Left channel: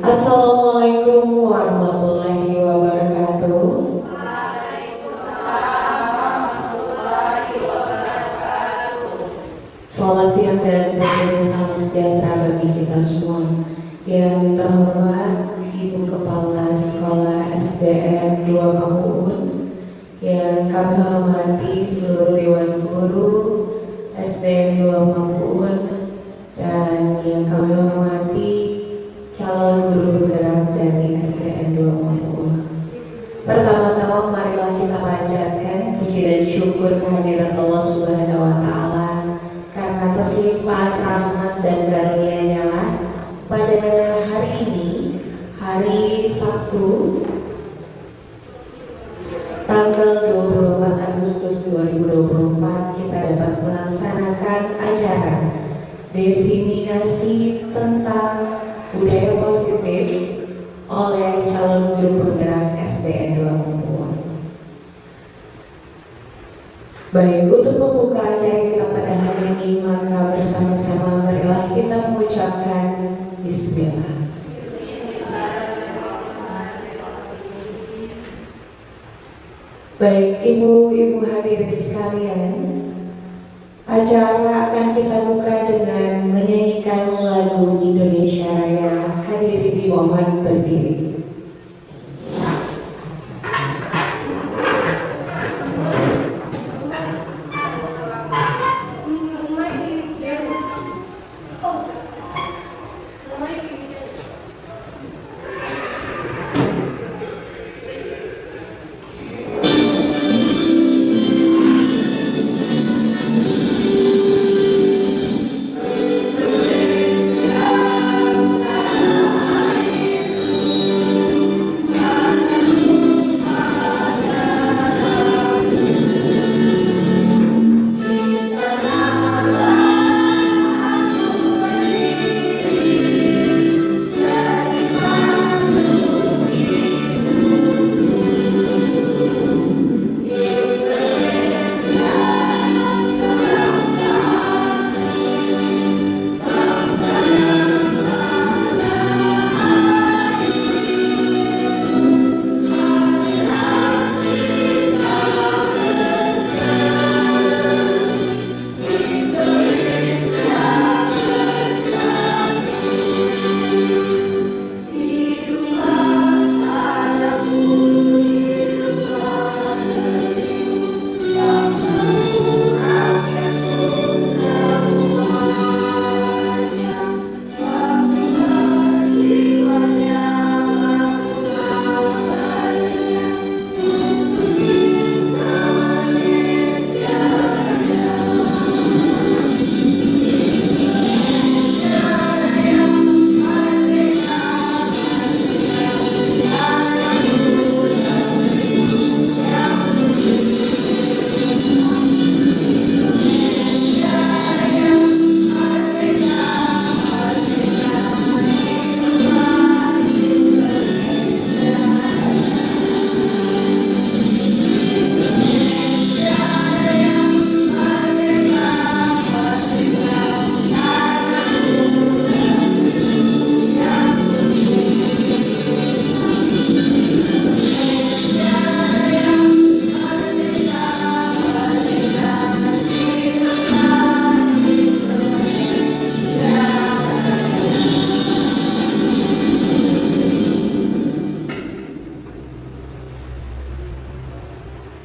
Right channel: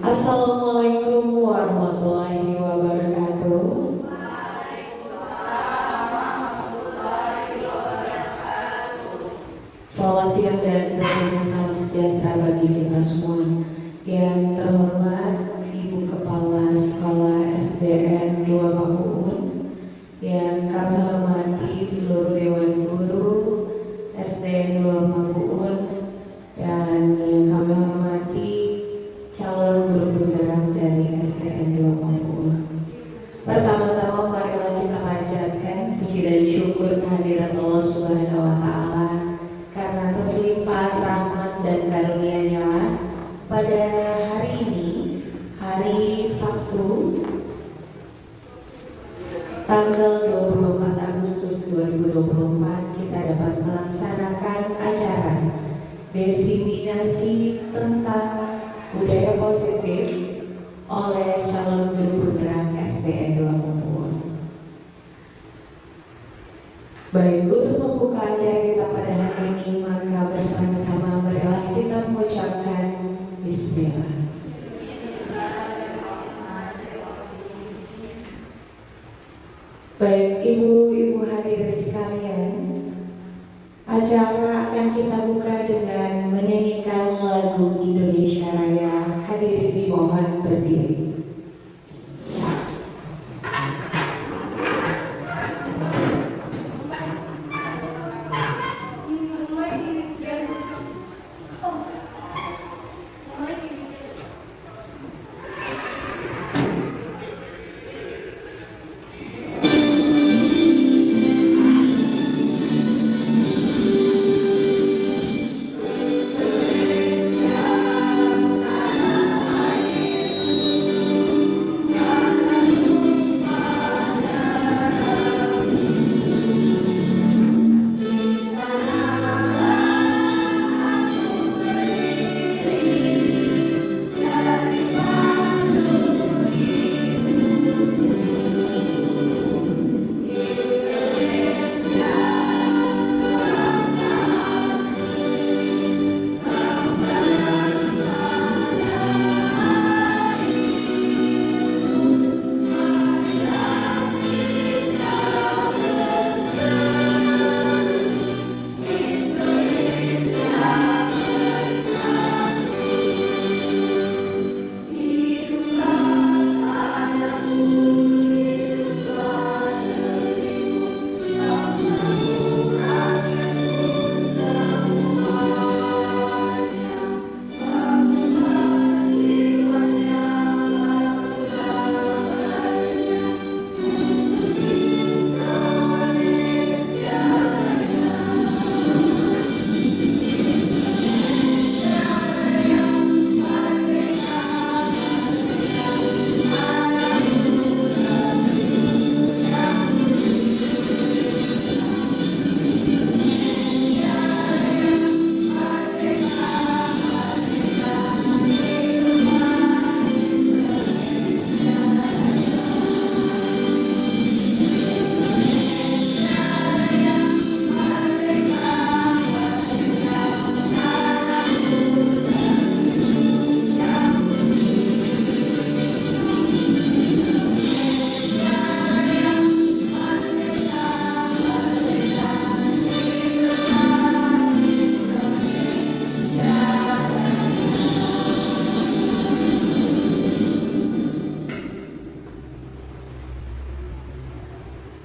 Assalamualaikum warahmatullahi wabarakatuh. Selamat siang dan tentunya salam sejahtera bagi kita semua. Yang terhormat Ibu Kepala Sekolah SDN 2 Pamuun, yang kami hormati seluruh Dewan Guru SDN 2 Pamuun, dan yang kami hormati calon guru penggerak dari SDN 2 Pamuun. Pertama-tama marilah kita panjatkan puji dan syukur kehadirat Allah Subhanahu wa Ta'ala karena atas limpahan rahmat dan karunia-Nya lah pada hari ini, hari Sabtu, tanggal 24 Agustus 2024, kita dapat melaksanakan acara diseminasi tentang budaya positif oleh calon guru penggerak SDN 2 Pamuun. Baik, untuk membuka acara kita pada hari ini, maka bersama-sama marilah kita mengucapkan Bismillah. Baik, ibu-ibu hadirin sekalian, acara akan kita buka dengan menyanyikan lagu Indonesia Raya. Hadirin dimohon berdiri.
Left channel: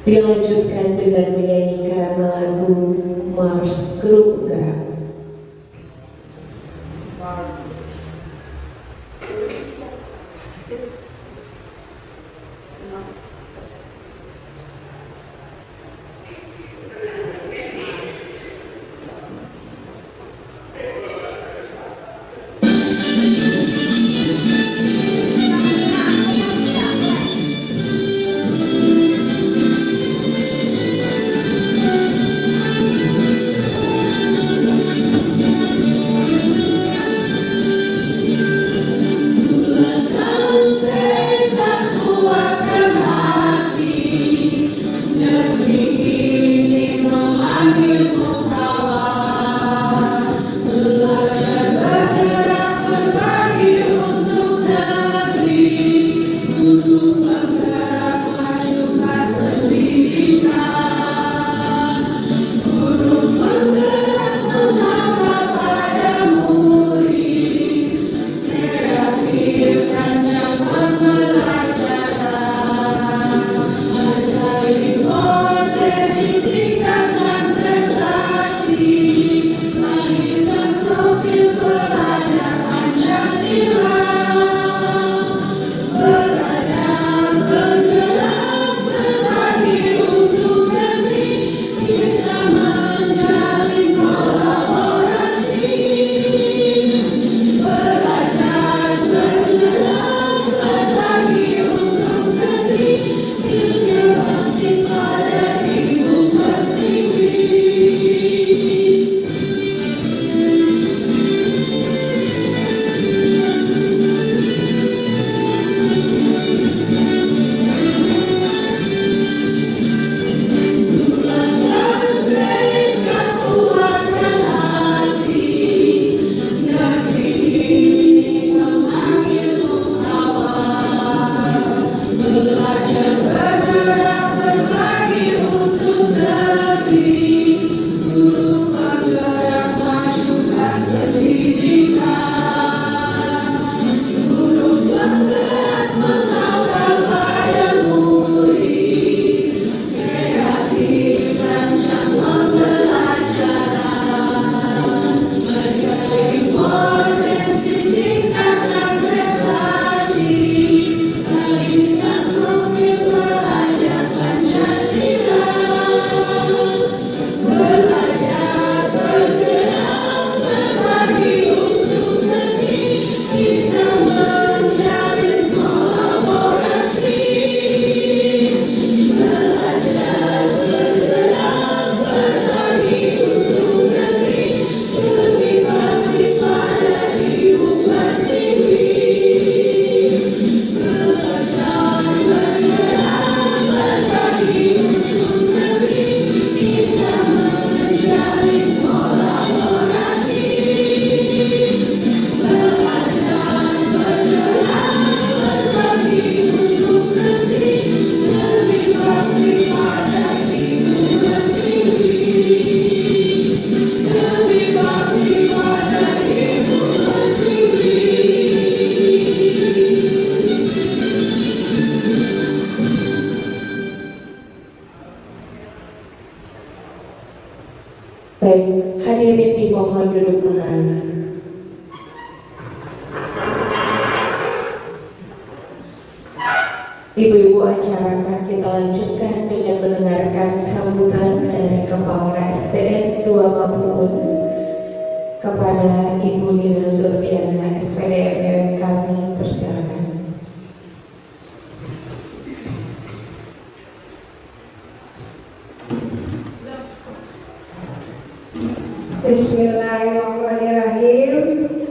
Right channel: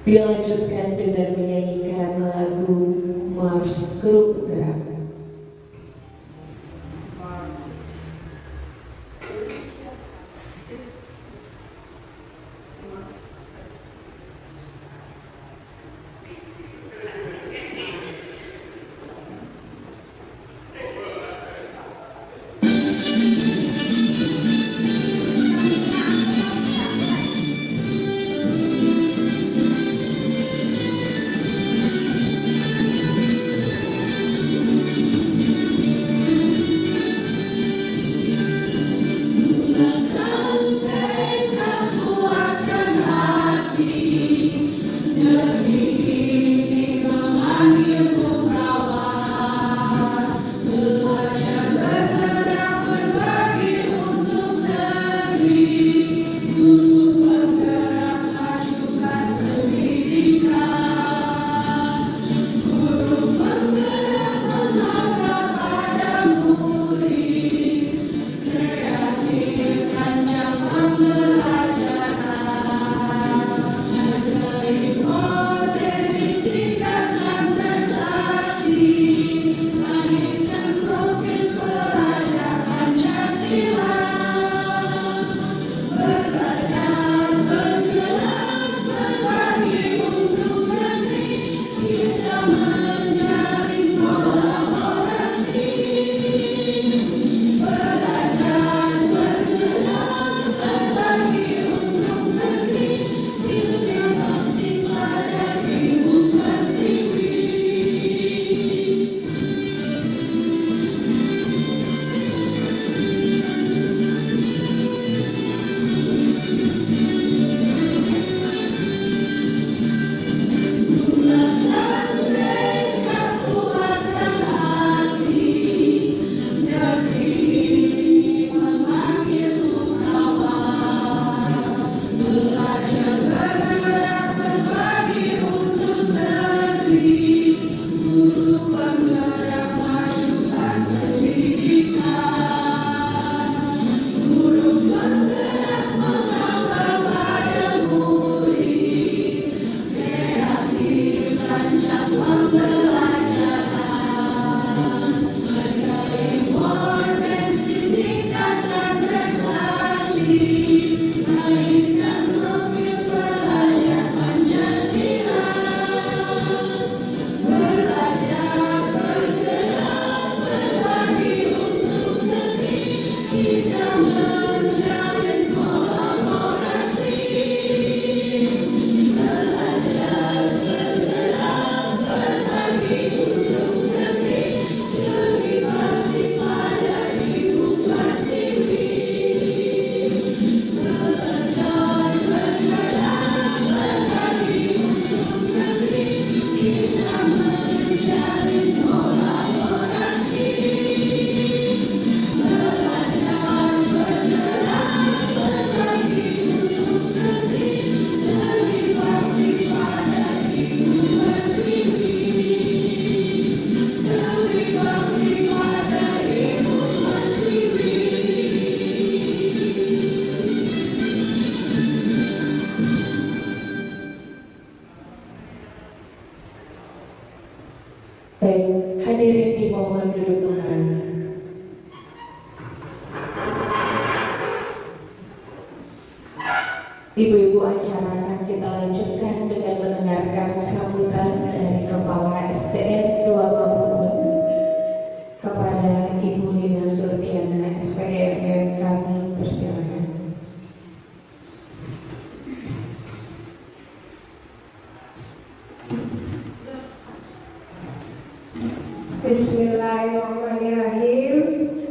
Dilanjutkan dengan menyanyikan lagu Mars Grup Gerak. Ibu-ibu acara akan kita lanjutkan dengan mendengarkan sambutan dari Kepala SDN 2 Mabuun kepada Ibu Nina Surtiana SPDFM. Kami persilakan. Bismillahirrahmanirrahim.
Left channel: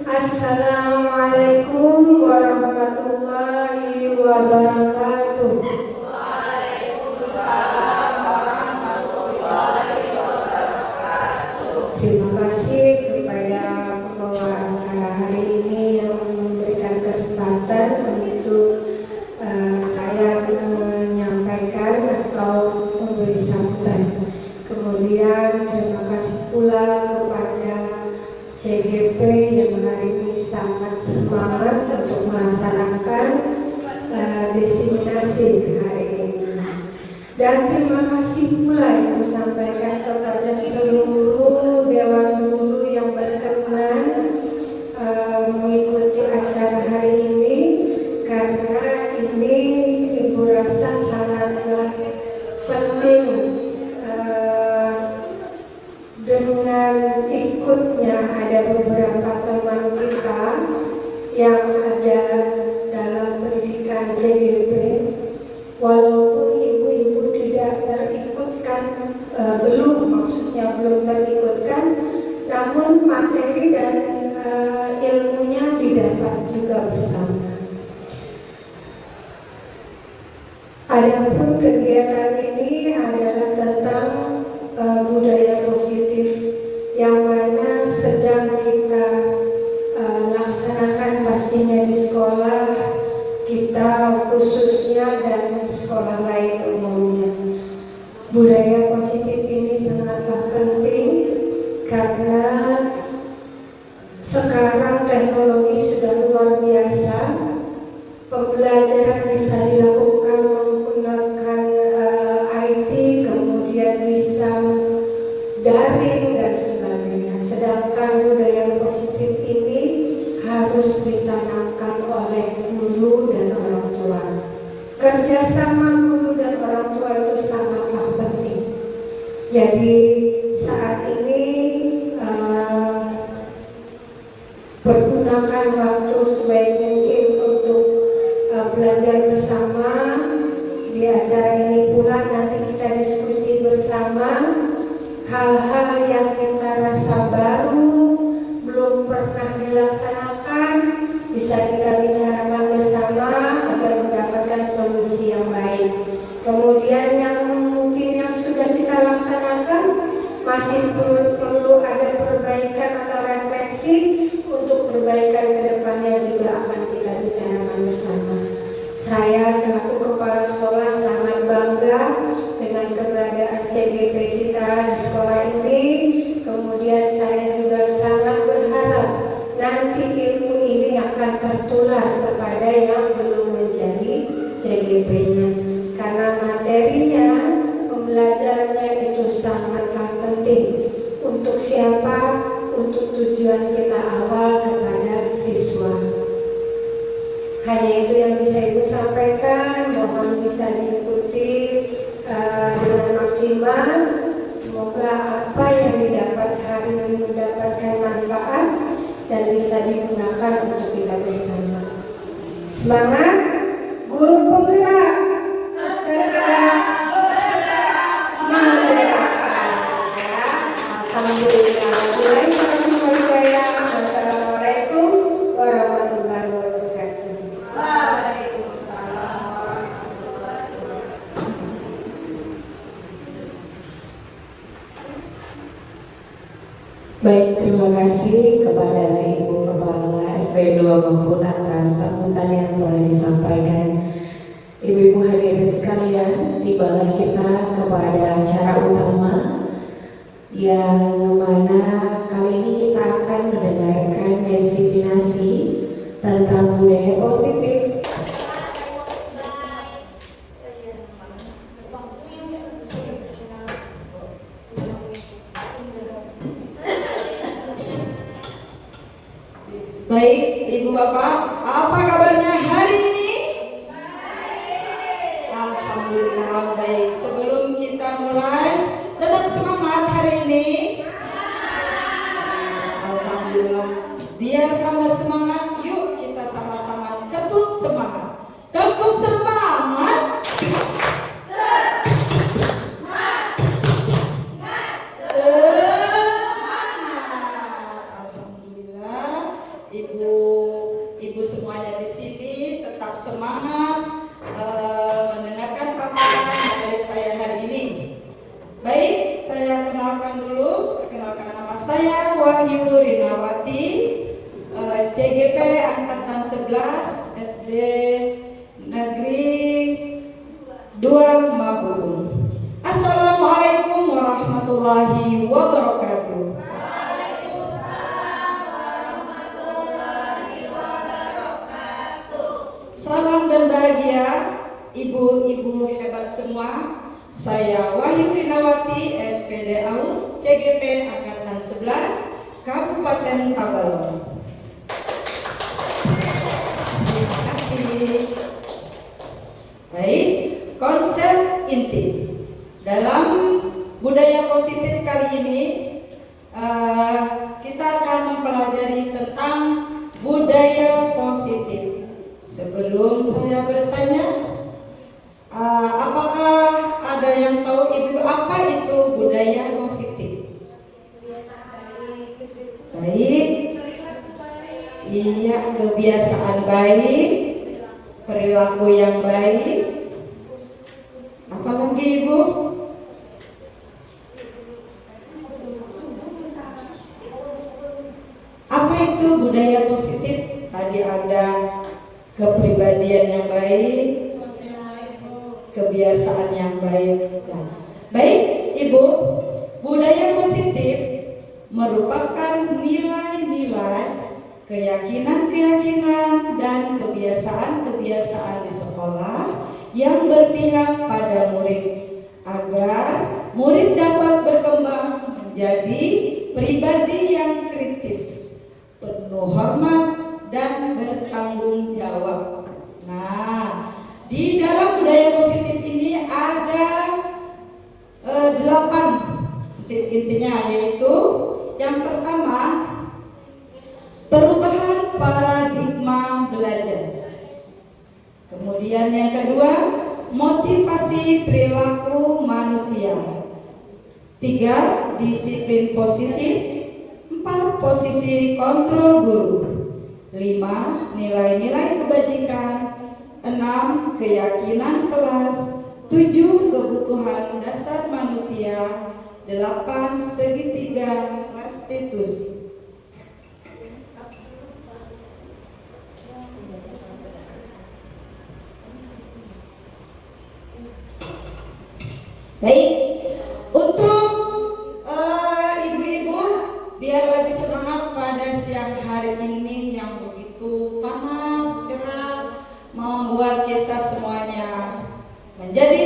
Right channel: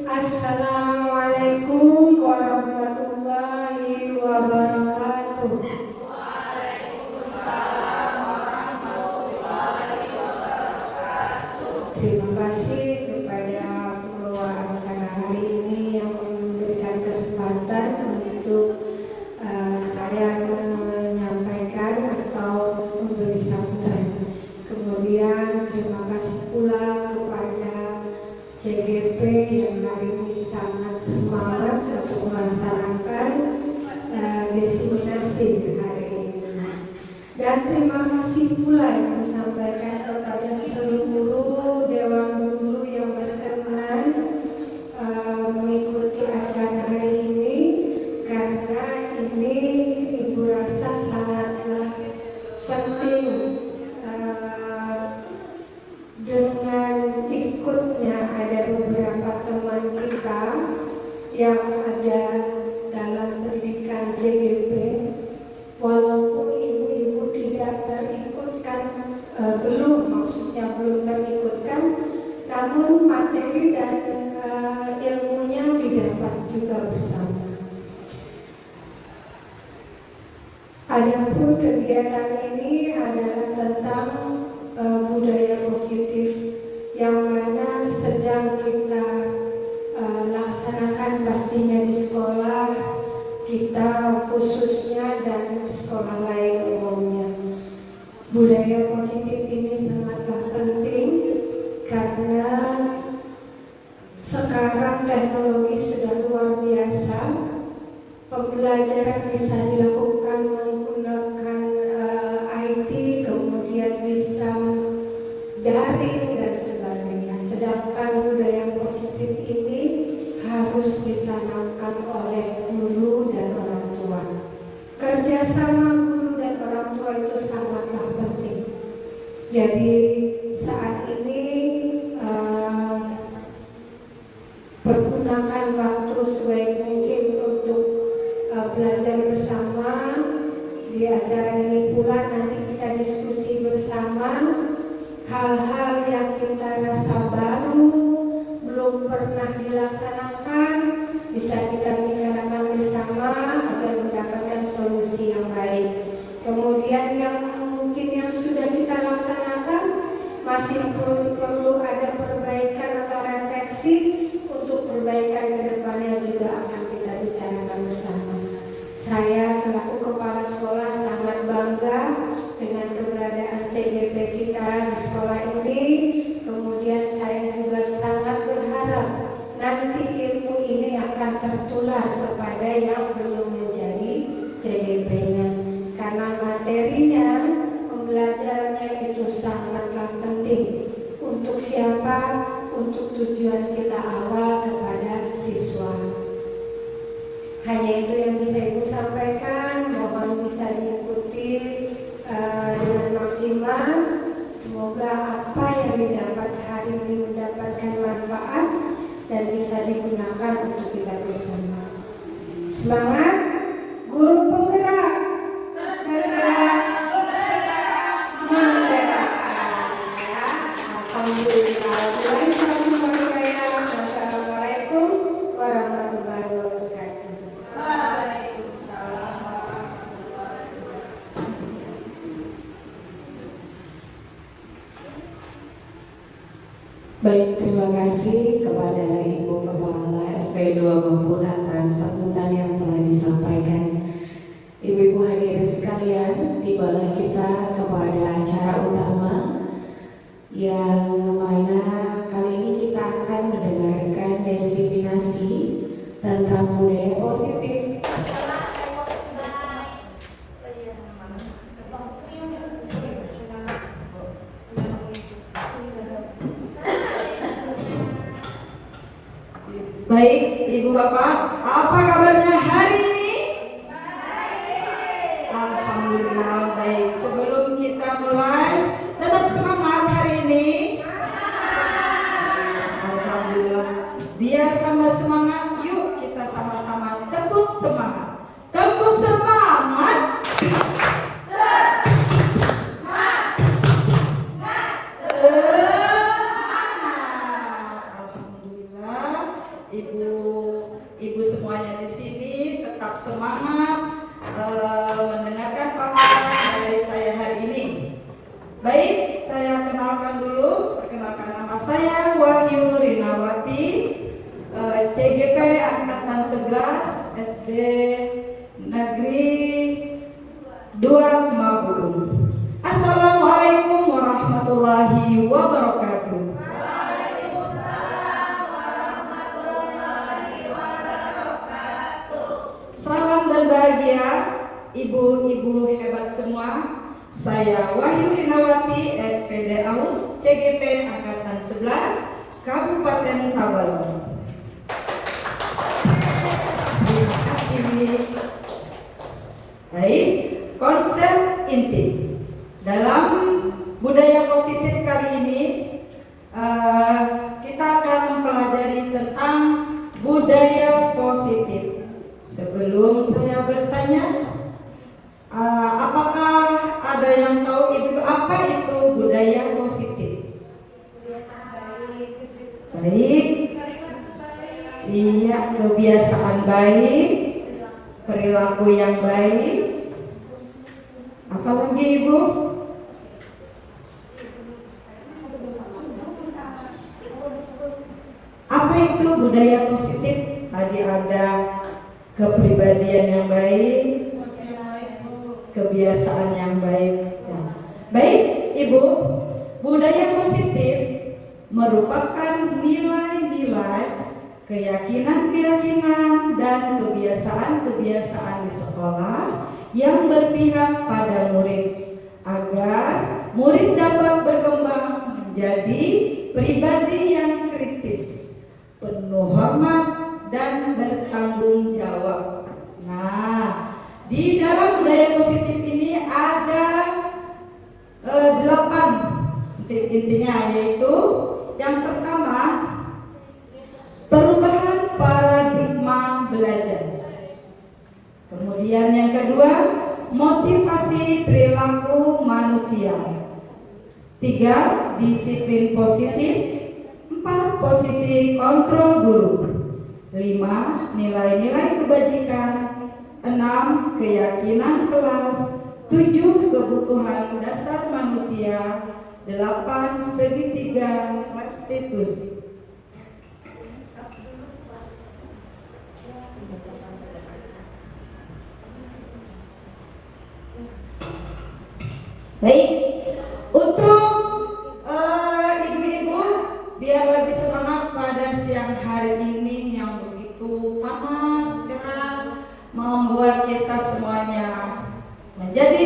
Assalamualaikum warahmatullahi wabarakatuh. Waalaikumsalam warahmatullahi wabarakatuh. Terima kasih kepada pembawa acara hari ini yang memberikan kesempatan untuk saya menyampaikan atau memberi sambutan. Kemudian terima kasih pula kepada CGP yang hari ini sangat semangat untuk melaksanakan diseminasi hari ini. Dan terima kasih pula yang disampaikan kepada seluruh Dewan Guru yang berkenan mengikuti acara hari ini, karena ini Ibu rasa sangatlah penting. Dengan ikutnya ada beberapa teman kita yang ada dalam pendidikan CGP, walaupun ibu-ibu tidak terikutkan, maksudnya belum terikutkan, namun materi dan ilmunya didapat juga bersama. Adapun kegiatan ini adalah tentang budaya positif yang mana sedang kita laksanakan pastinya di sekolah kita khususnya dan sekolah lain umumnya. Budaya positif ini sangatlah penting karena sekarang teknologi sudah luar biasa. Pembelajaran bisa dilakukan menggunakan IT, kemudian bisa daring dan sebagainya. Sedangkan budaya positif ini harus ditanamkan oleh guru dan orang tua. Kerjasama guru dan orang tua itu sangatlah penting. Jadi saat ini pergunakan waktu sebaik mungkin untuk belajar bersama. Di acara ini pula nanti kita diskusi bersama hal-hal yang kita rasa baru, belum pernah dilaksanakan, bisa kita bicarakan bersama agar mendapatkan solusi yang baik. Kemudian yang mungkin yang sudah kita laksanakan masih perlu ada perbaikan atau refleksi, untuk perbaikan ke depannya juga akan kita bicarakan bersama. Saya selaku kepala sekolah sangat bangga dengan keberadaan CGP kita di sekolah ini. Kemudian saya juga sangat berharap nanti ilmu ini akan tertular kepada yang belum menjadi CGP-nya, karena materinya, pembelajarannya itu sangatlah penting. Untuk siapa? Untuk tujuan kita awal kepada siswa. Hanya itu yang bisa Ibu sampaikan. Mohon bisa diikuti dengan maksimal. Semoga apa yang didapat hari ini mendapatkan manfaat dan bisa digunakan untuk kita bersama. Semangat, guru penggerak, bergerak, menggerakkan. Alhamdulillah. Assalamualaikum warahmatullahi wabarakatuh. Baik, terima kasih kepada Ibu Kepala SP 2 Mabuun atas sambutan yang telah disampaikan. Ibu-ibu hadirin sekalian, tibalah kita kepada acara utama yang mana kali ini kita akan mendengarkan diseminasi tentang budaya positif. Baik, Ibu Bapak, apa kabarnya hari ini? Baik, sebelum kita mulai, tetap semangat hari ini. Alhamdulillah. Biar tambah semangat, yuk kita sama-sama tepuk semangat. Tepuk semangat. Alhamdulillah, ibu semuanya di sini tetap semangat mendengarkan paparan dari saya hari ini. Baik, saya kenalkan dulu. Perkenalkan, nama saya Wahyu Rinawati, CGP Angkatan 11 SD Negeri 2 Maburung. Assalamualaikum warahmatullahi wabarakatuh. Salam dan bahagia ibu-ibu hebat semua. Saya Wahyu Rinawati, SPD AU, CGP Angkatan 11, Kabupaten Tabalong. Terima kasih. Baik, konsep inti dalam budaya positif kali ini kita akan mempelajari tentang budaya positif. Sebelum saya bertanya, apakah ada yang tahu ibu apa itu budaya positif? Baik, iya, kebiasaan baik, perilaku yang baik. Apa lagi ibu? Apa itu budaya positif? Tadi ada kepribadian yang baik, kebiasaan yang baik. Ya. Baik, ibu, budaya positif merupakan nilai-nilai, keyakinan-keyakinan, dan kebiasaan-kebiasaan di sekolah yang berpihak pada murid agar murid dapat berkembang menjadi pribadi yang kritis, penuh hormat, dan bertanggung jawab. Nah, di dalam budaya positif ini ada 8 intinya, yaitu yang pertama, perubahan paradigma belajar. Kemudian yang kedua, motivasi perilaku manusia. 3, disiplin positif. 4, posisi kontrol guru. 5, nilai-nilai kebajikan. 6, keyakinan kelas. 7, kebutuhan dasar manusia. 8, segitiga restitusi. Baik, untuk ibu-ibu biar lebih semangat pada siang hari ini yang begitu panas, cerah, membuat kita semuanya menjadi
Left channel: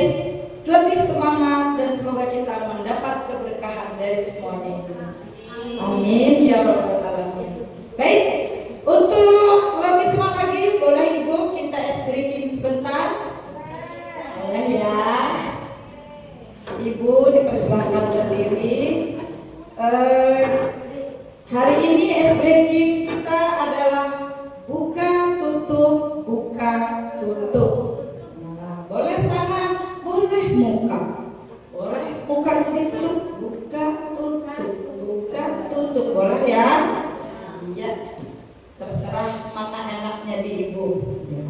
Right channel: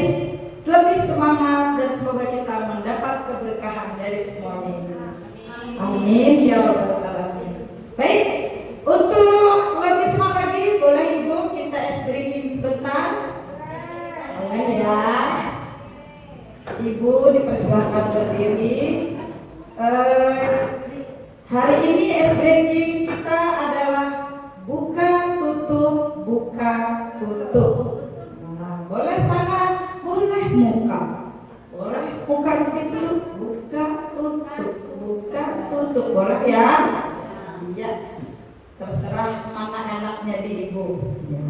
lebih semangat, dan semoga kita mendapat keberkahan dari semuanya. Amin ya rabbal alamin. Baik, untuk lebih semangat lagi, boleh ibu kita ice breaking sebentar? Boleh ya. Ibu dipersilakan berdiri. Hari ini ice breaking kita adalah buka tutup, buka tutup. Nah, boleh tangan, boleh muka, boleh buka ditutup, buka tutup, boleh ya? Iya, terserah mana enaknya di ibu. Ya.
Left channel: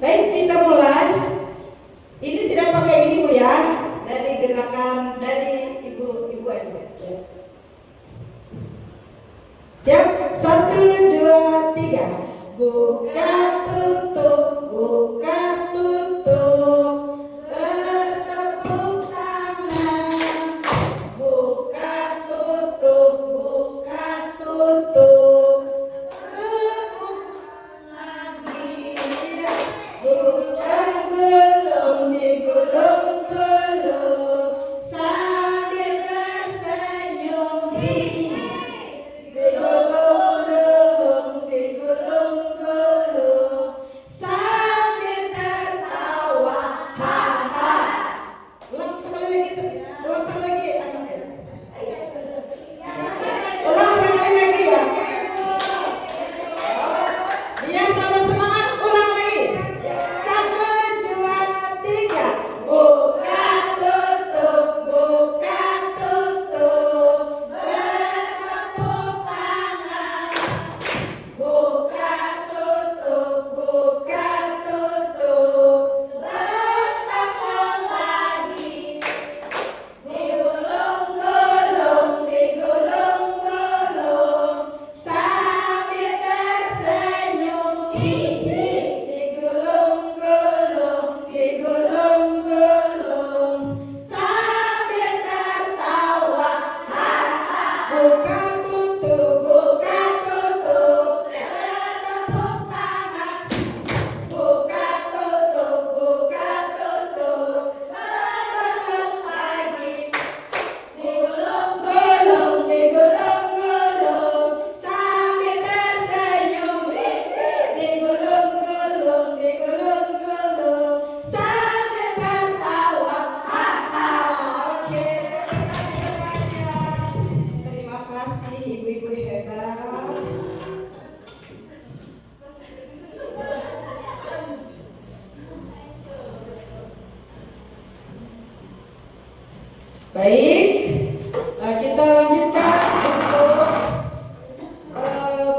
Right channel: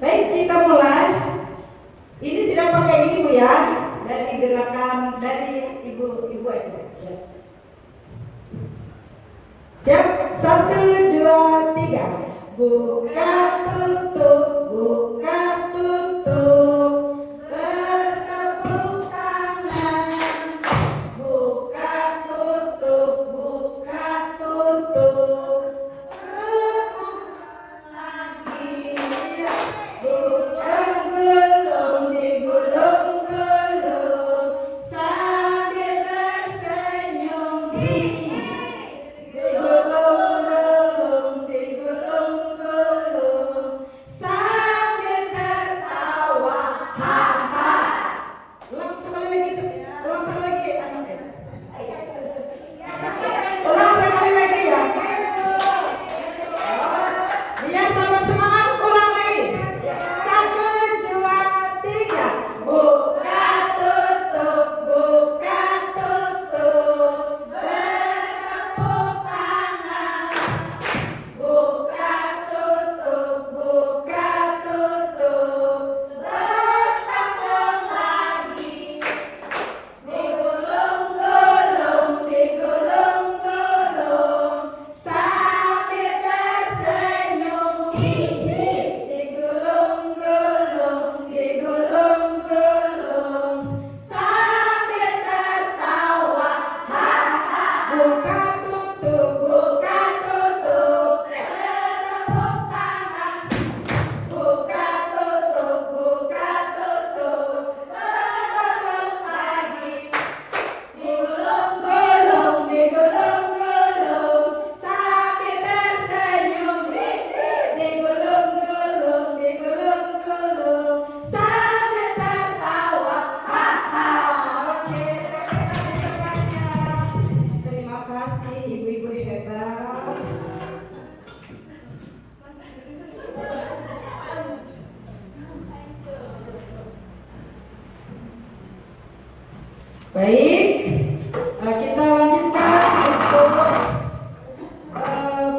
Baik, kita mulai. Ini tidak pakai ini bu ya, dari gerakan dari ibu aja. Ya. Siap, 1, 2, 3. Buka tutup, buka tutup. Bertepuk tangan. Buka tutup, buka tutup. Tepuk lagi. Buka gulung, digulung-gulung sambil tersenyum. Digulung-gulung, digulung-gulung. Baik, kita lanjutkan untuk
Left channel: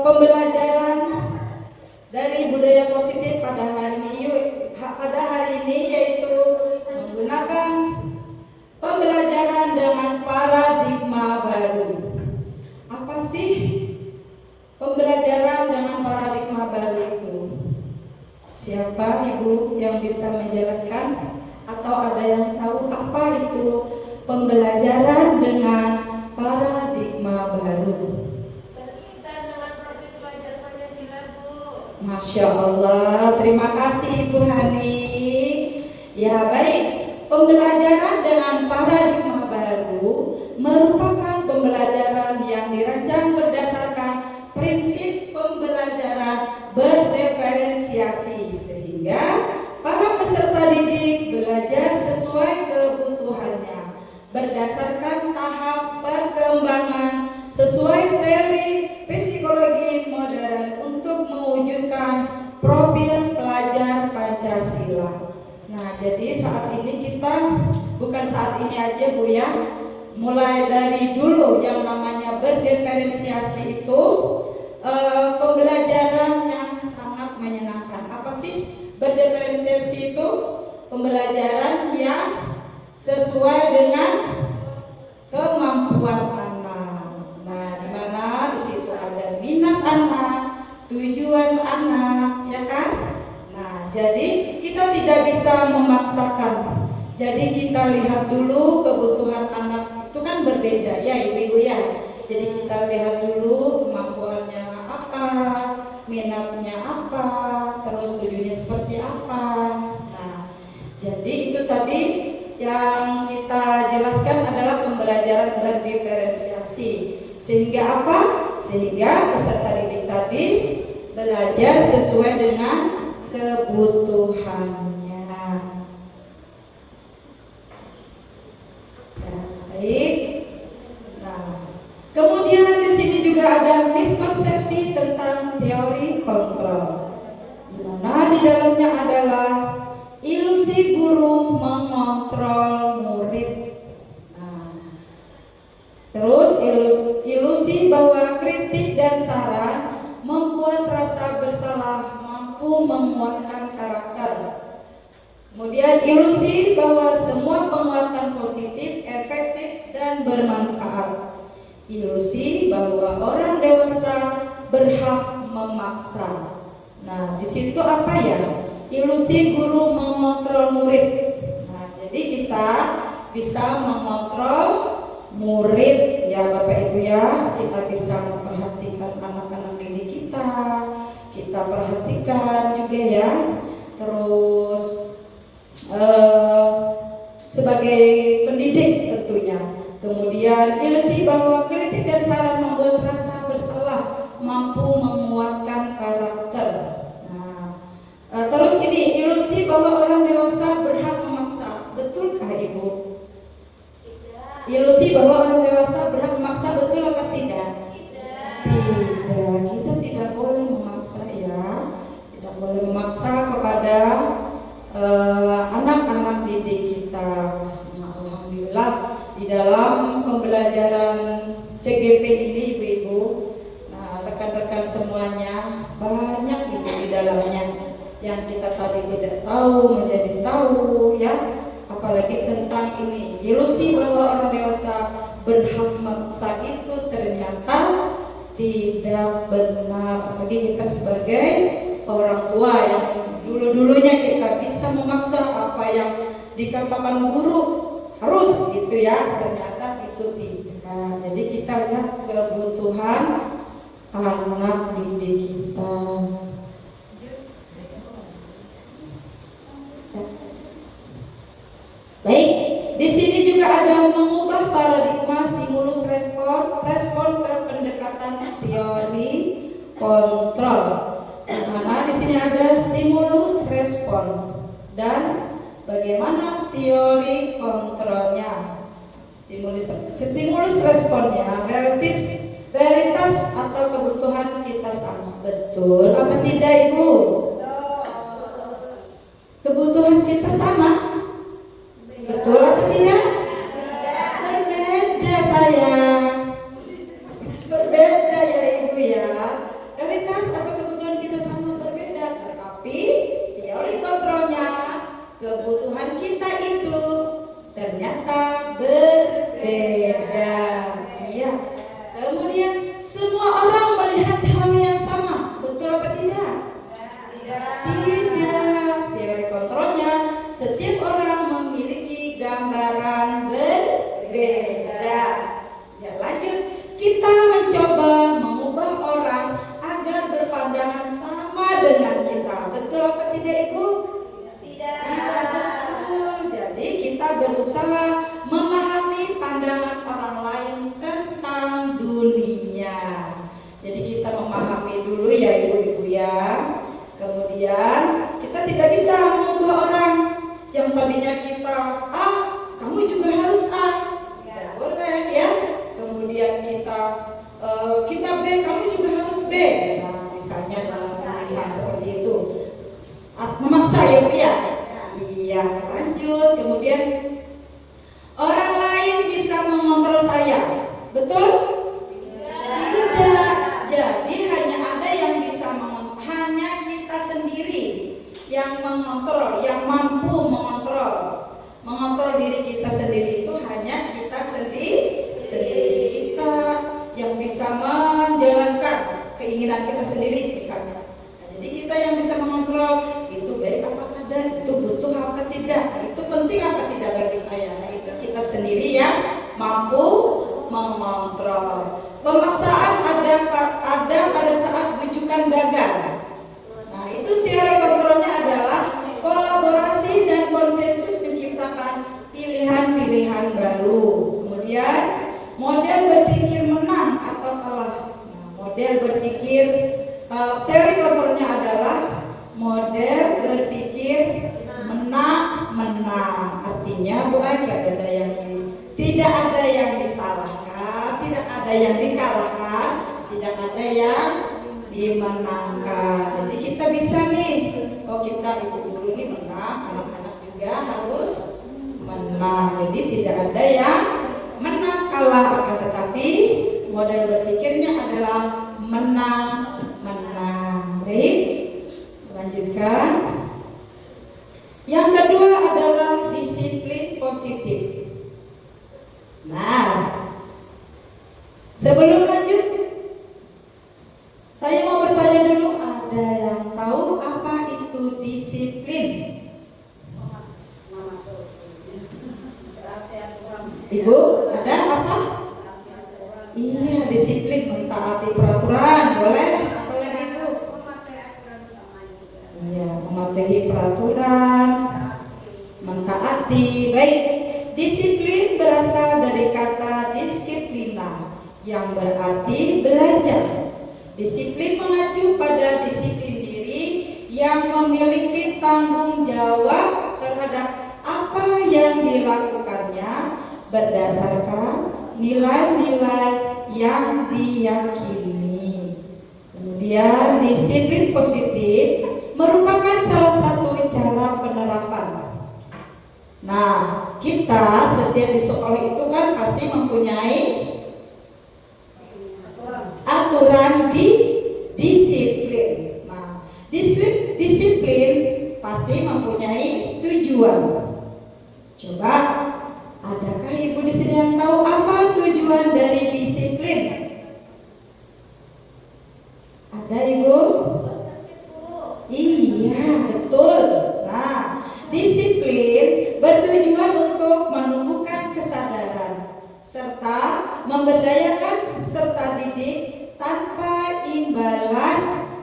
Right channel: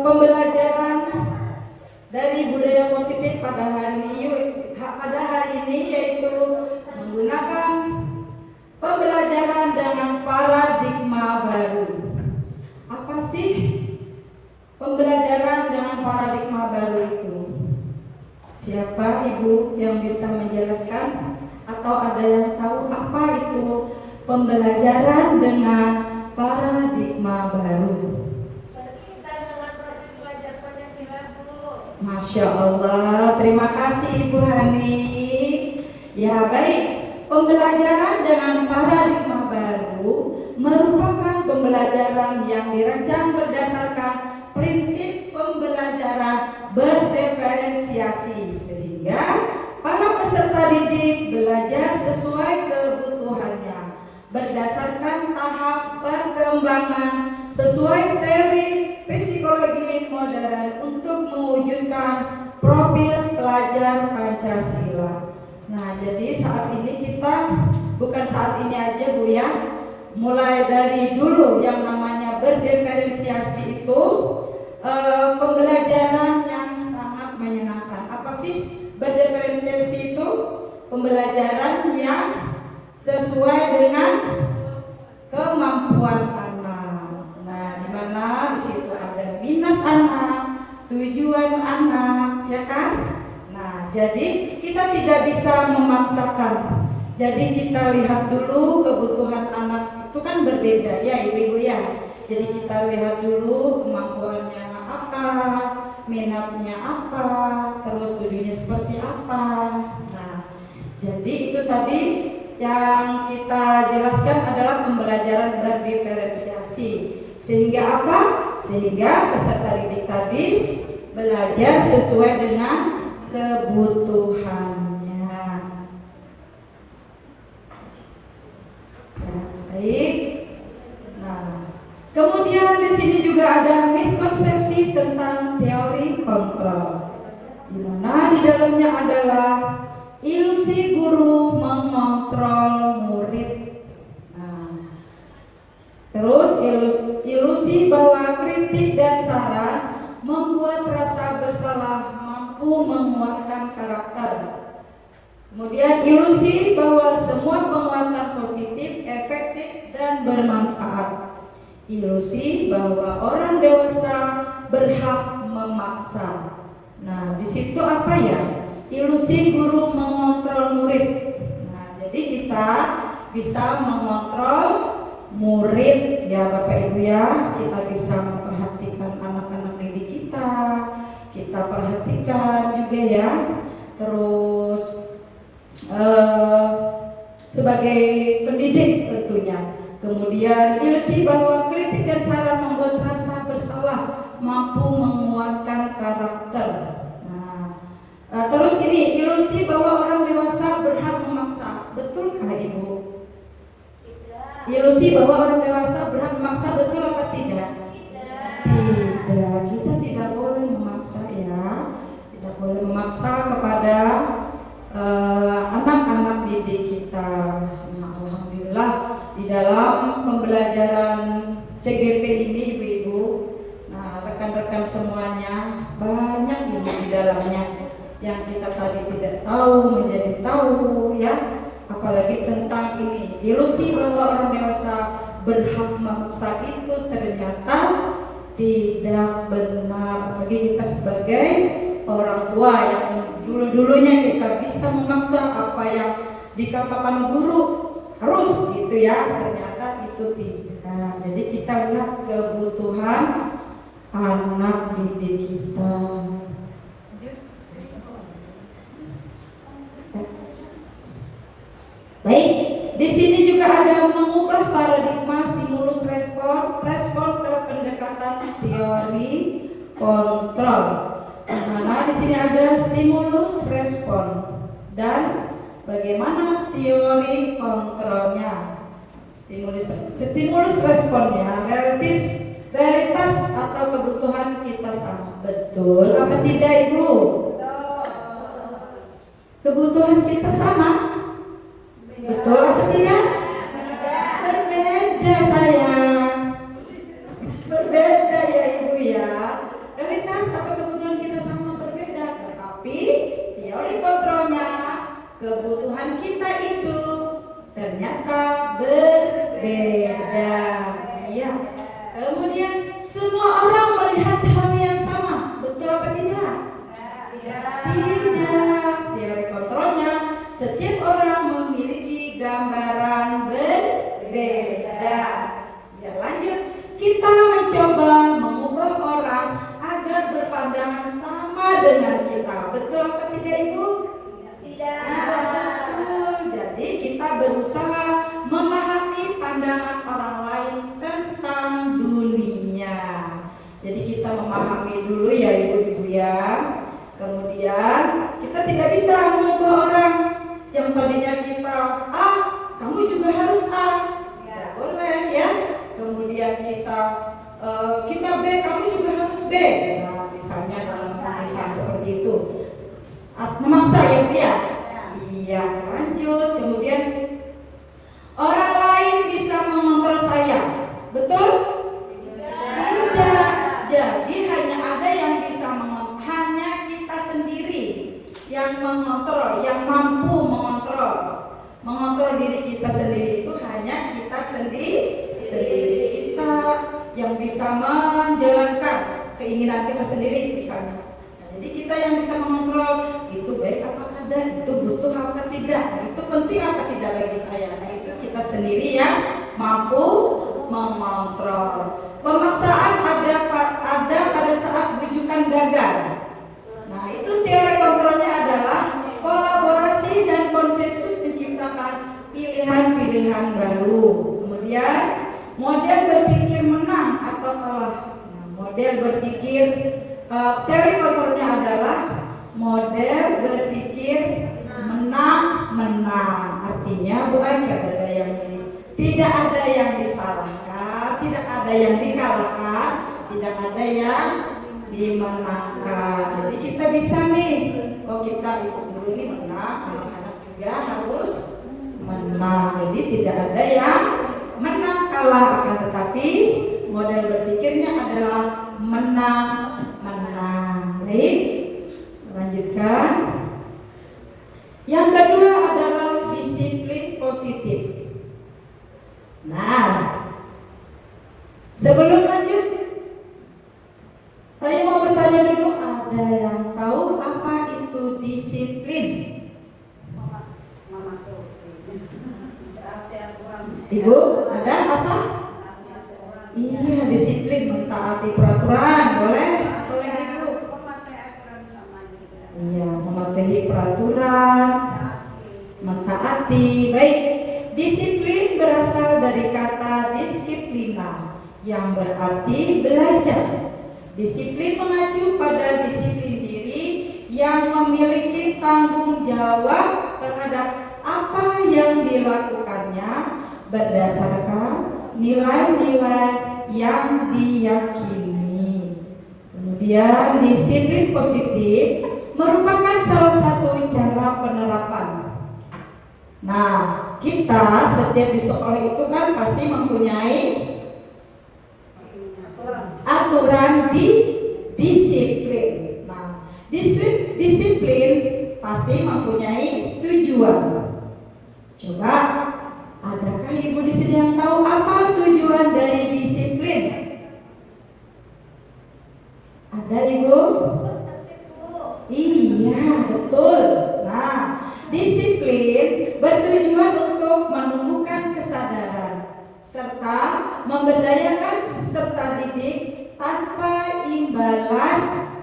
pembelajaran dari budaya positif pada hari ini yaitu menggunakan pembelajaran dengan paradigma baru. Apa sih pembelajaran dengan paradigma baru itu? Siapa Ibu yang bisa menjelaskan atau ada yang tahu apa itu pembelajaran dengan paradigma baru? Masya Allah, terima kasih Ibu Hani. Ya baik, pembelajaran dengan paradigma baru merupakan pembelajaran yang dirancang berdasarkan prinsip pembelajaran berdiferensiasi sehingga para peserta didik belajar sesuai kebutuhannya berdasarkan tahap perkembangan sesuai teori psikologi modern untuk mewujudkan profil pelajar Pancasila. Nah, jadi saat ini kita bukan saat ini aja Bu ya, mulai dari dulu yang namanya berdiferensiasi itu pembelajaran yang sangat menyenangkan. Apa sih berdiferensiasi itu? Pembelajaran yang sesuai dengan kemampuan anak. Nah, di mana di situ ada minat anak, tujuan anak, ya kan? Nah, jadi kita tidak bisa memaksakan. Jadi kita lihat dulu kebutuhan anak itu kan berbeda ya Ibu-ibu ya. Jadi kita lihat dulu kemampuannya apa, minatnya apa, terus tujuannya seperti apa. Nah, jadi itu tadi yang kita jelaskan adalah pembelajaran berdiferensiasi. Sehingga apa? Sehingga peserta didik tadi belajar sesuai dengan kebutuhannya. Baik. Nah, kemudian di sini juga ada miskonsepsi tentang teori kontrol, di mana di dalamnya adalah ilusi guru mengontrol murid. Nah, terus ilusi bahwa kritik dan saran membuat rasa bersalah mampu menguatkan karakter. Kemudian ilusi bahwa semua penguatan positif, efektif dan bermanfaat. Ilusi bahwa orang dewasa berhak memaksa. Nah, di situ apa ya? Ilusi guru mengontrol murid. Nah, jadi kita bisa mengontrol murid ya Bapak Ibu ya. Kita bisa memperhatikan anak-anak didik kita. Kita perhatikan juga ya. Terus sebagai pendidik tentunya. Kemudian ilusi bahwa kritik dan saran membuat rasa bersalah mampu menguatkan karakter. Terus ini ilusi bahwa orang dewasa berhak memaksa. Betulkah Ibu? Ilusi bahwa orang dewasa berhak memaksa, betul apa tidak? Tidak. Kita tidak boleh memaksa ya. Tidak boleh memaksa kepada anak-anak didik kita. Nah, alhamdulillah di dalam pembelajaran CGP ini Ibu-ibu, nah rekan-rekan semuanya banyak Ibu di dalamnya yang kita tadi tidak tahu menjadi tahu ya, apalagi tentang ini ilusi bahwa orang dewasa berhak memaksa itu ternyata tidak benar. Bagi kita sebagai orang tua yang dulu-dulunya kita bisa memaksa apa yang dikatakan guru harus gitu ya, ternyata itu tidak. Jadi kita lihat kebutuhan anak didik kita. Baik, di sini juga ada mengubah paradigma stimulus respon ke pendekatan teori kontrol. Karena di sini ada stimulus respon dan bagaimana teori kontrolnya. Stimulus responnya realitas atau kebutuhan kita sama. Betul apa tidak Ibu? Kebutuhan kita sama. Betul atau tidak? dengan kita. Betul apa tidak Ibu? Tidak betul. Jadi kita berusaha memahami pandangan orang lain tentang dunia. Jadi kita memahami dulu ya Ibu-ibu ya. Kemudian kita tidak bisa mengubah orang yang tadinya kita A, kamu juga harus A. Tidak boleh ya. Kemudian kita B, kamu juga harus B. Nah, misalnya dalam pernikahan seperti itu. Memaksa ya Bu ya? Iya, lanjut. Kemudian orang lain bisa mengontrol saya. Betul? Tidak. Jadi hanya ada yang bisa mengontrol, hanya kita sendiri yang mengontrol, yang mampu mengontrol. Mengontrol diri kita sendiri itu hanya kita sendiri. Kita yang bisa menjalankan keinginan kita sendiri misalnya. Nah, jadi kita yang bisa mengontrol itu baik apa tidak, itu butuh apa tidak, itu penting apa tidak bagi saya. Nah itu kita sendiri yang mampu mengontrol. Pemaksaan ada pada saat bujukan gagal. Nah itu teori kontrolnya adalah kolaborasi dan konsensus menciptakan pilihan-pilihan baru. Kemudian model berpikir menang atau kalah. Nah, model berpikir teori kontrolnya adalah model berpikir menang. Artinya bukan tidak ada yang disalahkan, tidak ada yang dikalahkan, tidak ada yang dimenangkan. Jadi kita bisa nih, kalau kita ikut guru ini menang, anak-anak juga harus menang. Jadi tidak ada yang menang kalah, akan tetapi model berpikirnya adalah menang. Baik, lanjutkan. Yang kedua adalah disiplin positif. Nah, sebelum lanjut, saya mau bertanya dulu, ada yang tahu apa itu disiplin? Ibu, ada apa? Iya, disiplin mentaati peraturan, boleh Ibu. Iya, mematuhi peraturan, mentaati. Baik, disiplin berasal dari kata disiplina yang berarti belajar. Disiplin mengacu pada disiplin diri yang memiliki tanggung jawab terhadap apa yang dilakukannya berdasarkan nilai-nilai yang diyakini. Kemudian disiplin positif merupakan salah satu cara penerapan. Nah, kita setiap di sekolah itu kan pasti mempunyai aturan di disiplin. Nah, disiplin pasti mempunyai tujuan. Coba, adakah Ibu di sini yang tahu apa tujuan dari disiplin? Ada Ibu? Iya, betul. Nah, disiplin bertujuan untuk menumbuhkan kesadaran serta memberdayakan peserta didik tanpa imbalan,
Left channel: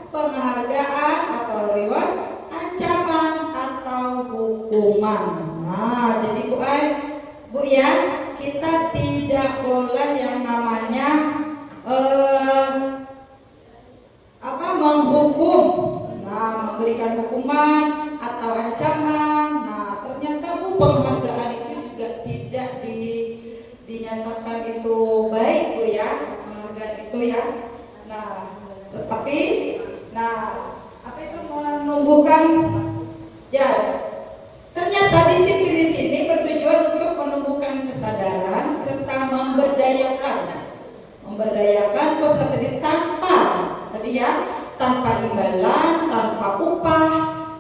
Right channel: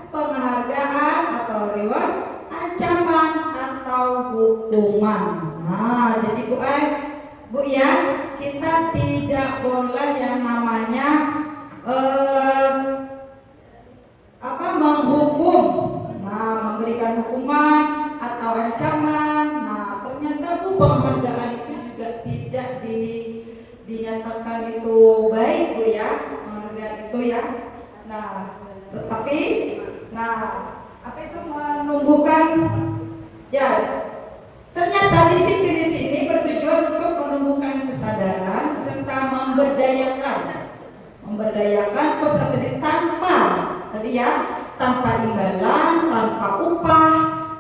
penghargaan atau reward, ancaman atau hukuman. Nah, jadi Bu ya, kita tidak boleh yang namanya menghukum, memberikan hukuman atau ancaman. Nah, ternyata Bu, penghargaan itu juga tidak dinyatakan itu baik Bu ya, penghargaan itu ya. Nah, tetapi apa itu menumbuhkan ya. Ternyata disiplin di sini bertujuan untuk menumbuhkan kesadaran serta memberdayakan peserta didik tanpa imbalan, tanpa upah,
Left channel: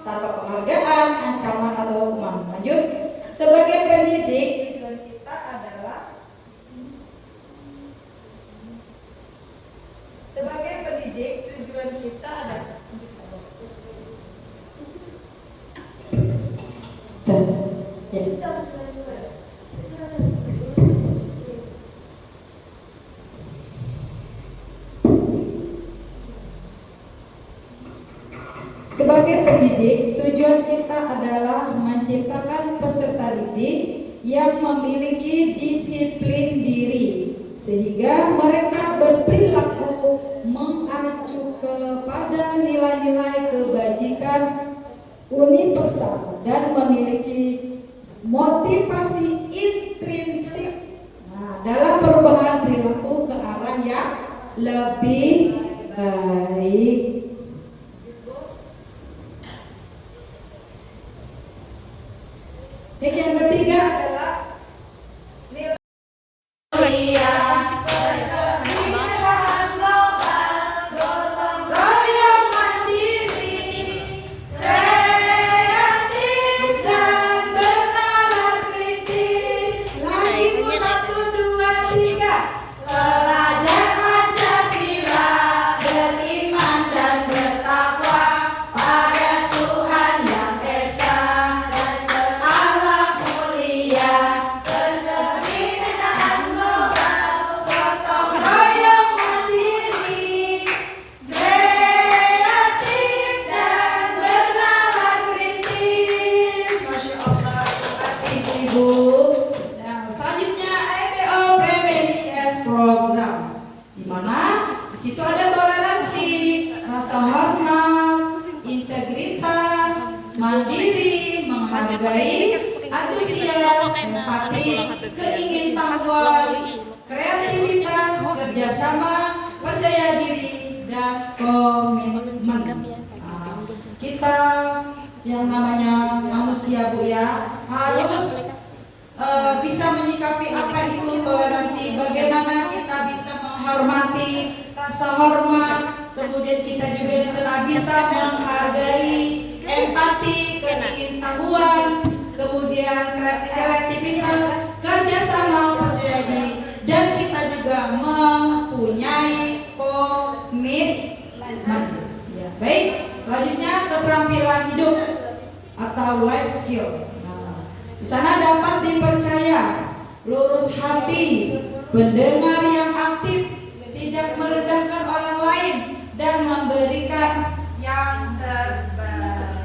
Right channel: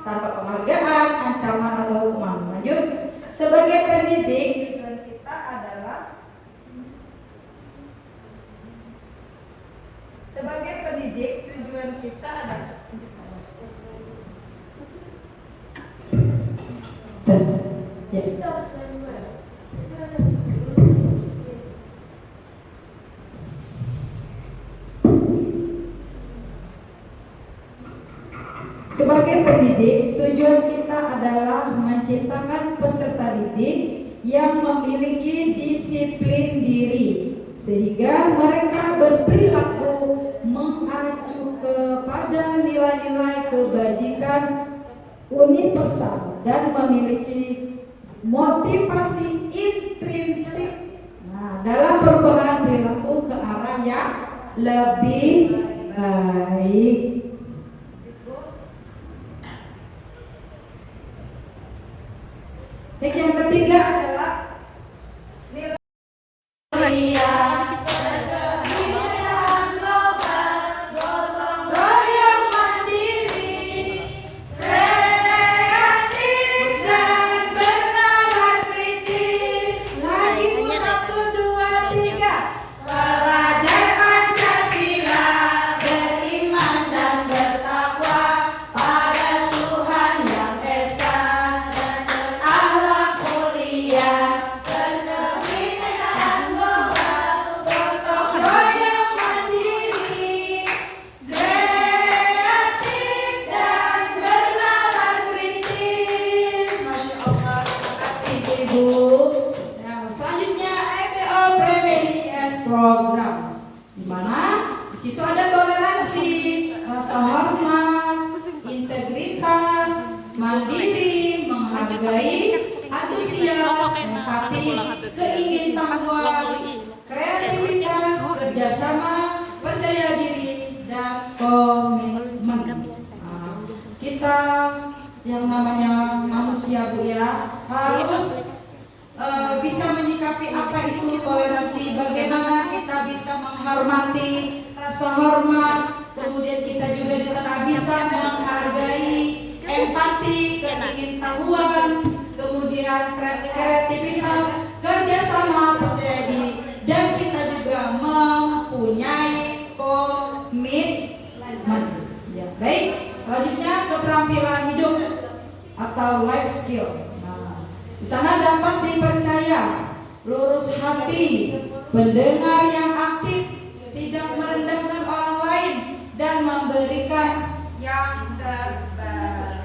tanpa penghargaan, ancaman atau hukuman. Lanjut, sebagai pendidik tujuan kita adalah tes. Ya. Sebagai pendidik, tujuan kita adalah menciptakan peserta didik yang memiliki disiplin diri, sehingga mereka berperilaku mengacu kepada nilai-nilai kebajikan universal dan memiliki motivasi intrinsik dalam perubahan perilaku ke arah yang lebih baik. Yang ketiga adalah nilai royong mandiri, kreatif dan bernalar kritis. Lagi 1, 2, 3. Pelajar Pancasila beriman dan bertakwa pada Tuhan yang esa dan berakhlak mulia, pencerminan global, gotong royong mandiri, kreatif dan bernalar kritis. Masya Allah, terima kasih Ibu. Nah, selanjutnya IPO Previous Program, di mana di situ ada toleransi, rasa hormat, integritas, mandiri, menghargai, antusias, empati, keingintahuan, kreativitas, kerjasama, percaya diri, dan komitmen. Nah, kita yang namanya manusia Bu ya harus bisa menyikapi apa itu toleransi, bagaimana kita bisa menghormati, rasa hormat, kemudian kita juga di sana bisa menghargai, empati, keingintahuan, kemudian kreativitas, kerjasama, percaya diri, dan kita juga mempunyai komitmen. Ya, baik. Selanjutnya keterampilan hidup atau life skill. Di sana dapat dipercaya, lurus hati, pendengar yang aktif, tidak merendahkan orang lain, dan memberikan yang terbaik.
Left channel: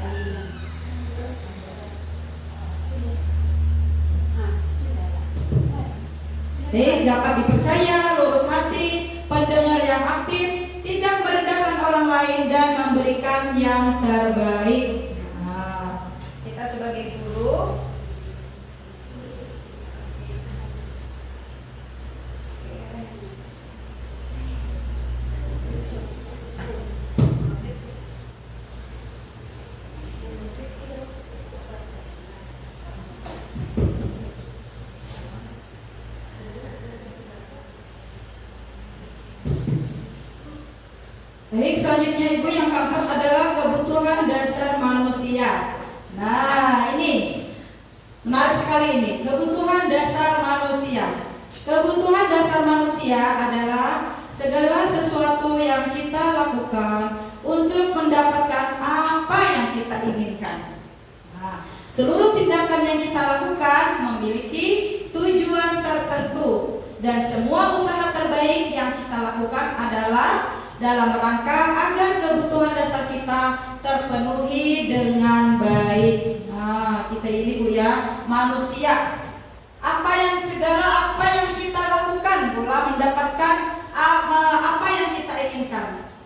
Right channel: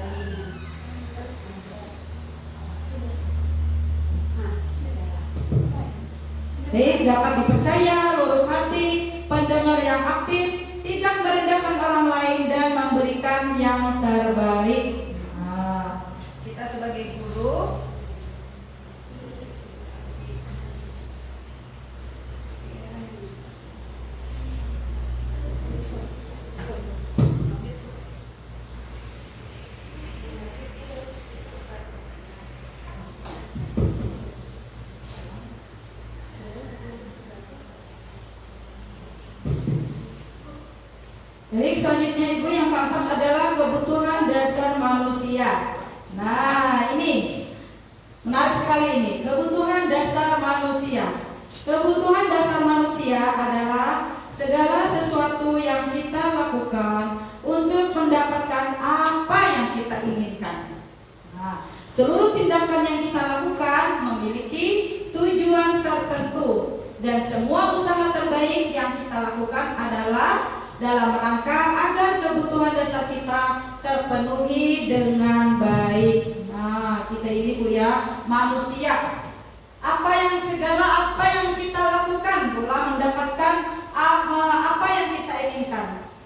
Dapat dipercaya, lurus hati, pendengar yang aktif, tidak merendahkan orang lain, dan memberikan yang terbaik. Nah, kita sebagai guru baik. Selanjutnya Ibu, yang keempat adalah kebutuhan dasar manusia. Nah, ini menarik sekali ini, kebutuhan dasar manusia. Kebutuhan dasar manusia adalah segala sesuatu yang kita lakukan untuk mendapatkan apa yang kita inginkan. Nah, seluruh tindakan yang kita lakukan memiliki tujuan tertentu, dan semua usaha terbaik yang kita lakukan adalah dalam rangka agar kebutuhan dasar kita terpenuhi dengan baik. Nah, kita ini Bu ya, manusia. Apa yang kita lakukan pula mendapatkan apa yang kita inginkan.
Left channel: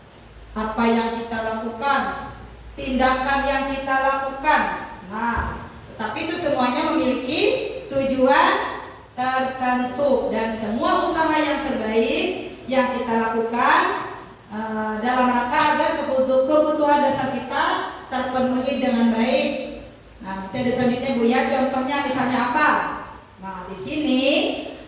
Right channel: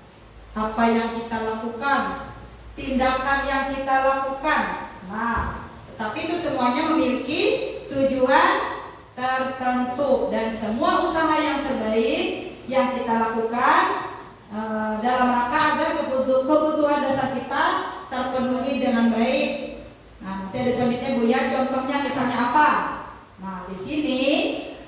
Apa yang kita lakukan, tindakan yang kita lakukan. Nah, tetapi itu semuanya memiliki tujuan tertentu, dan semua usaha yang terbaik yang kita lakukan dalam rangka agar kebutuhan dasar kita terpenuhi dengan baik. Nah, nanti ada selanjutnya Bu ya, contohnya misalnya apa? Nah, di sini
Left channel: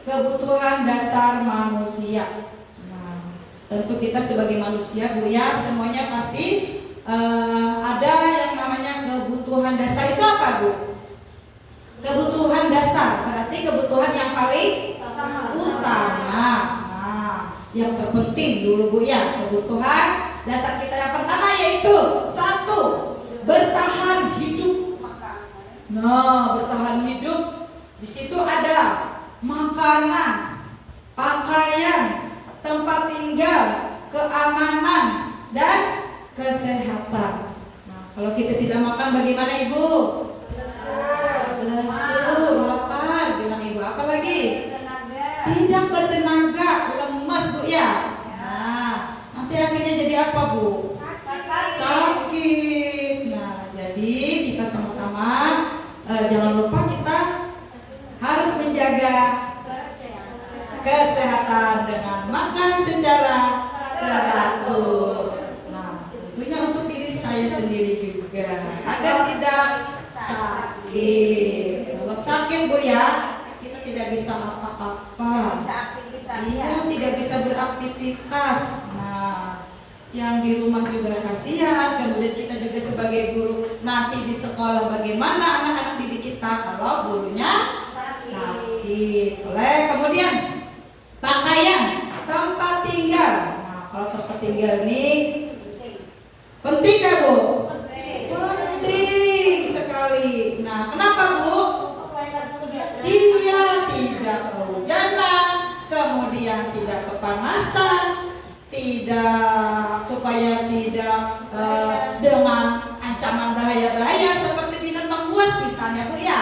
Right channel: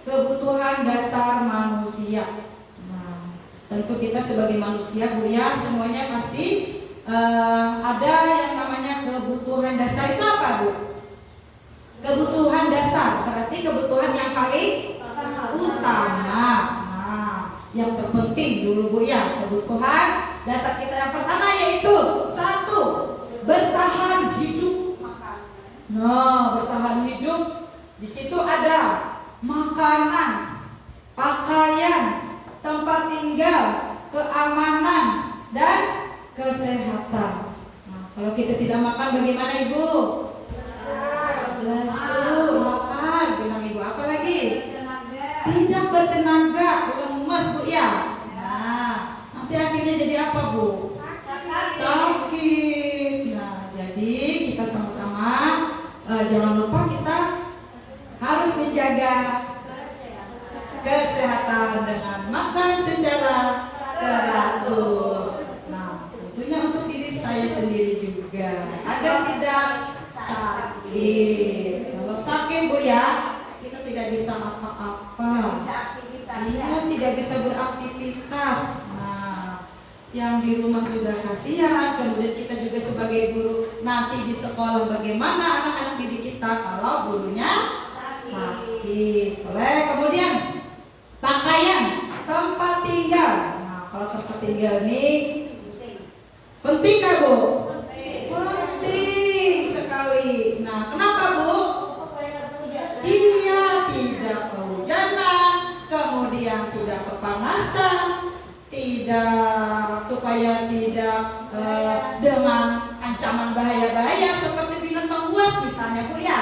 kebutuhan dasar manusia. Nah, tentu kita sebagai manusia Bu ya, semuanya pasti ada yang namanya kebutuhan dasar. Itu apa Bu? Kebutuhan dasar berarti kebutuhan yang paling utama. Yang terpenting dulu Bu ya, kebutuhan dasar kita yang pertama yaitu 1, bertahan hidup. Nah, bertahan hidup di situ ada makanan, pakaian, tempat tinggal, keamanan, dan kesehatan. Nah, Kalau kita tidak makan bagaimana Ibu? Lesu, lapar, bilang Ibu. Apa lagi? Tidak bertenaga, lemas Bu ya. Nah, nanti akhirnya jadi apa Bu? Sakit. Nah, jadi kita sama-sama jangan lupa kita harus menjaga kesehatan dengan makan secara teratur. Nah, tentunya untuk diri saya sendiri juga agar tidak sakit. Kalau sakit Bu ya, kita tidak bisa apa-apa. Iya, tidak bisa beraktivitas. Nah, yang di rumah juga kasihan. Kemudian kita juga sebagai guru nanti di sekolah bagaimana anak-anak didik kita kalau gurunya sakit. Kemudian pakaian, tempat tinggal. Nah, kalau tempat tinggal ini penting kan Bu? Penting sekali. Nah, kenapa Bu? Dia tidak kehujanan, kemudian tidak kepanasan, supaya tidak dengan ancaman bahaya-bahaya seperti binatang buas misalnya Bu ya.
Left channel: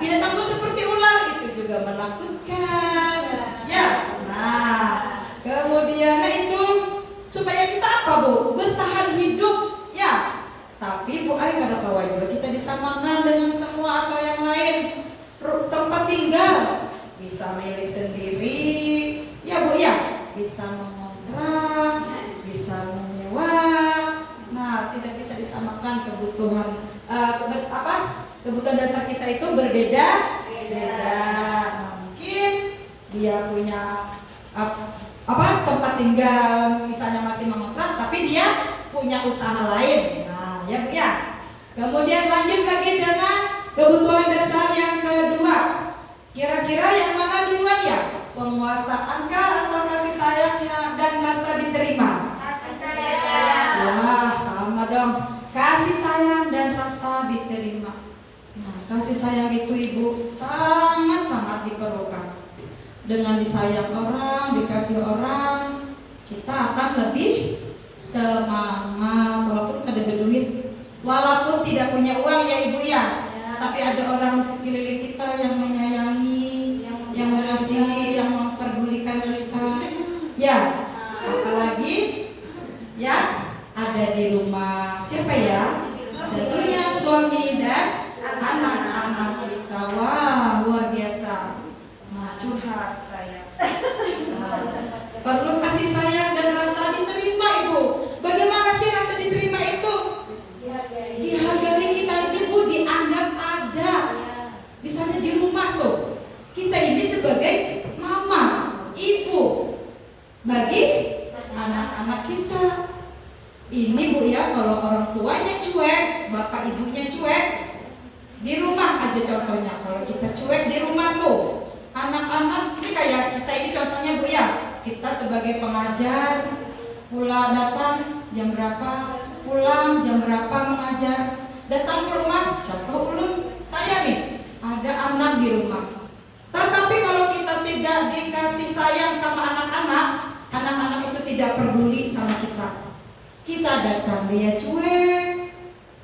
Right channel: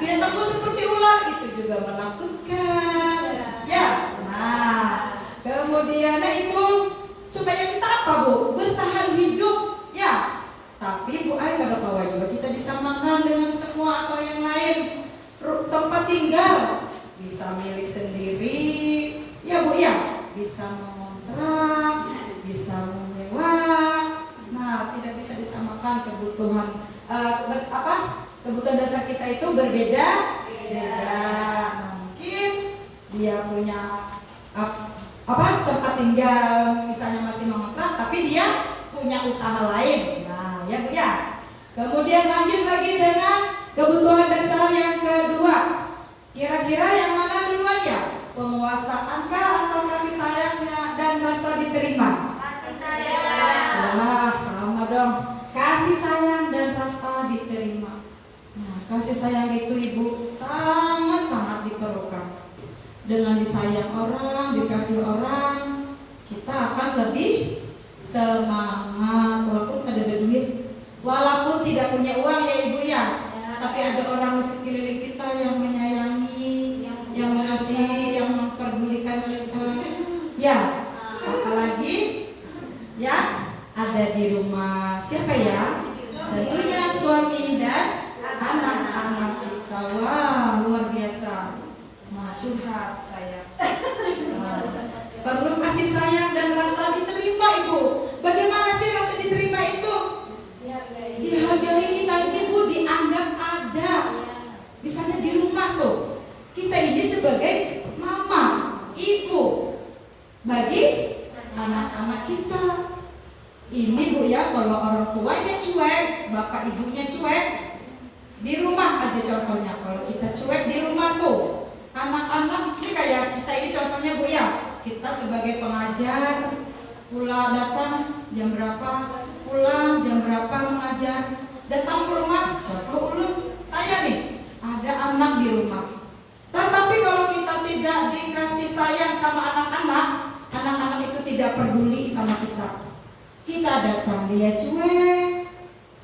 Binatang buas seperti ular itu juga menakutkan. Ya. Nah, kemudian itu supaya kita apa Bu? Bertahan hidup ya. Tapi Bu Ai kalau kewajiban kita disamakan dengan semua atau yang lain. Tempat tinggal bisa milik sendiri ya Bu ya, bisa mengontrak, bisa menyewa. Nah, tidak bisa disamakan kebutuhan kebutuhan dasar kita itu berbeda. Mungkin dia punya tempat tinggal misalnya masih mengontrak, tapi dia punya usaha lain. Nah, ya Bu ya. Kemudian lanjut lagi dengan kebutuhan dasar yang kedua. Kira-kira yang mana duluan ya? Penguasaankah atau kasih sayangnya dan rasa diterima? Kasih sayang. Wah, sama dong. Kasih sayang dan rasa diterima. Nah, kasih sayang itu Ibu sangat-sangat diperlukan. Dengan disayang orang, dikasih orang, kita akan lebih semangat. Walaupun ada duit, walaupun tidak punya uang ya Ibu ya. Tapi ada orang di sekeliling kita yang menyayangi, yang mengasihi, yang memperdulikan kita. Ya, apalagi ya ada di rumah siapa ya? Tentunya suami dan anak-anak kita. Wah, luar biasa. Curhat saya. Perlu kasih sayang dan rasa diterima Ibu. Bagaimana sih rasa diterima itu? Dihargai kita ini Bu, dianggap ada. Misalnya di rumah tuh, kita ini sebagai mama, ibu bagi anak-anak kita. Ini Bu ya, kalau orang tuanya cuek, bapak ibunya cuek, di rumah aja contohnya. Kalau kita cuek di rumah tuh, anak-anak ini kayak kita ini contohnya Bu ya. Kita sebagai pengajar, pulang datang jam berapa, pulang jam berapa mengajar, datang ke rumah, contoh ulun saya nih, ada anak di rumah. Tetapi kalau kita tidak dikasih sayang sama anak-anak, anak-anak itu tidak peduli sama kita. Kita datang dia cuek,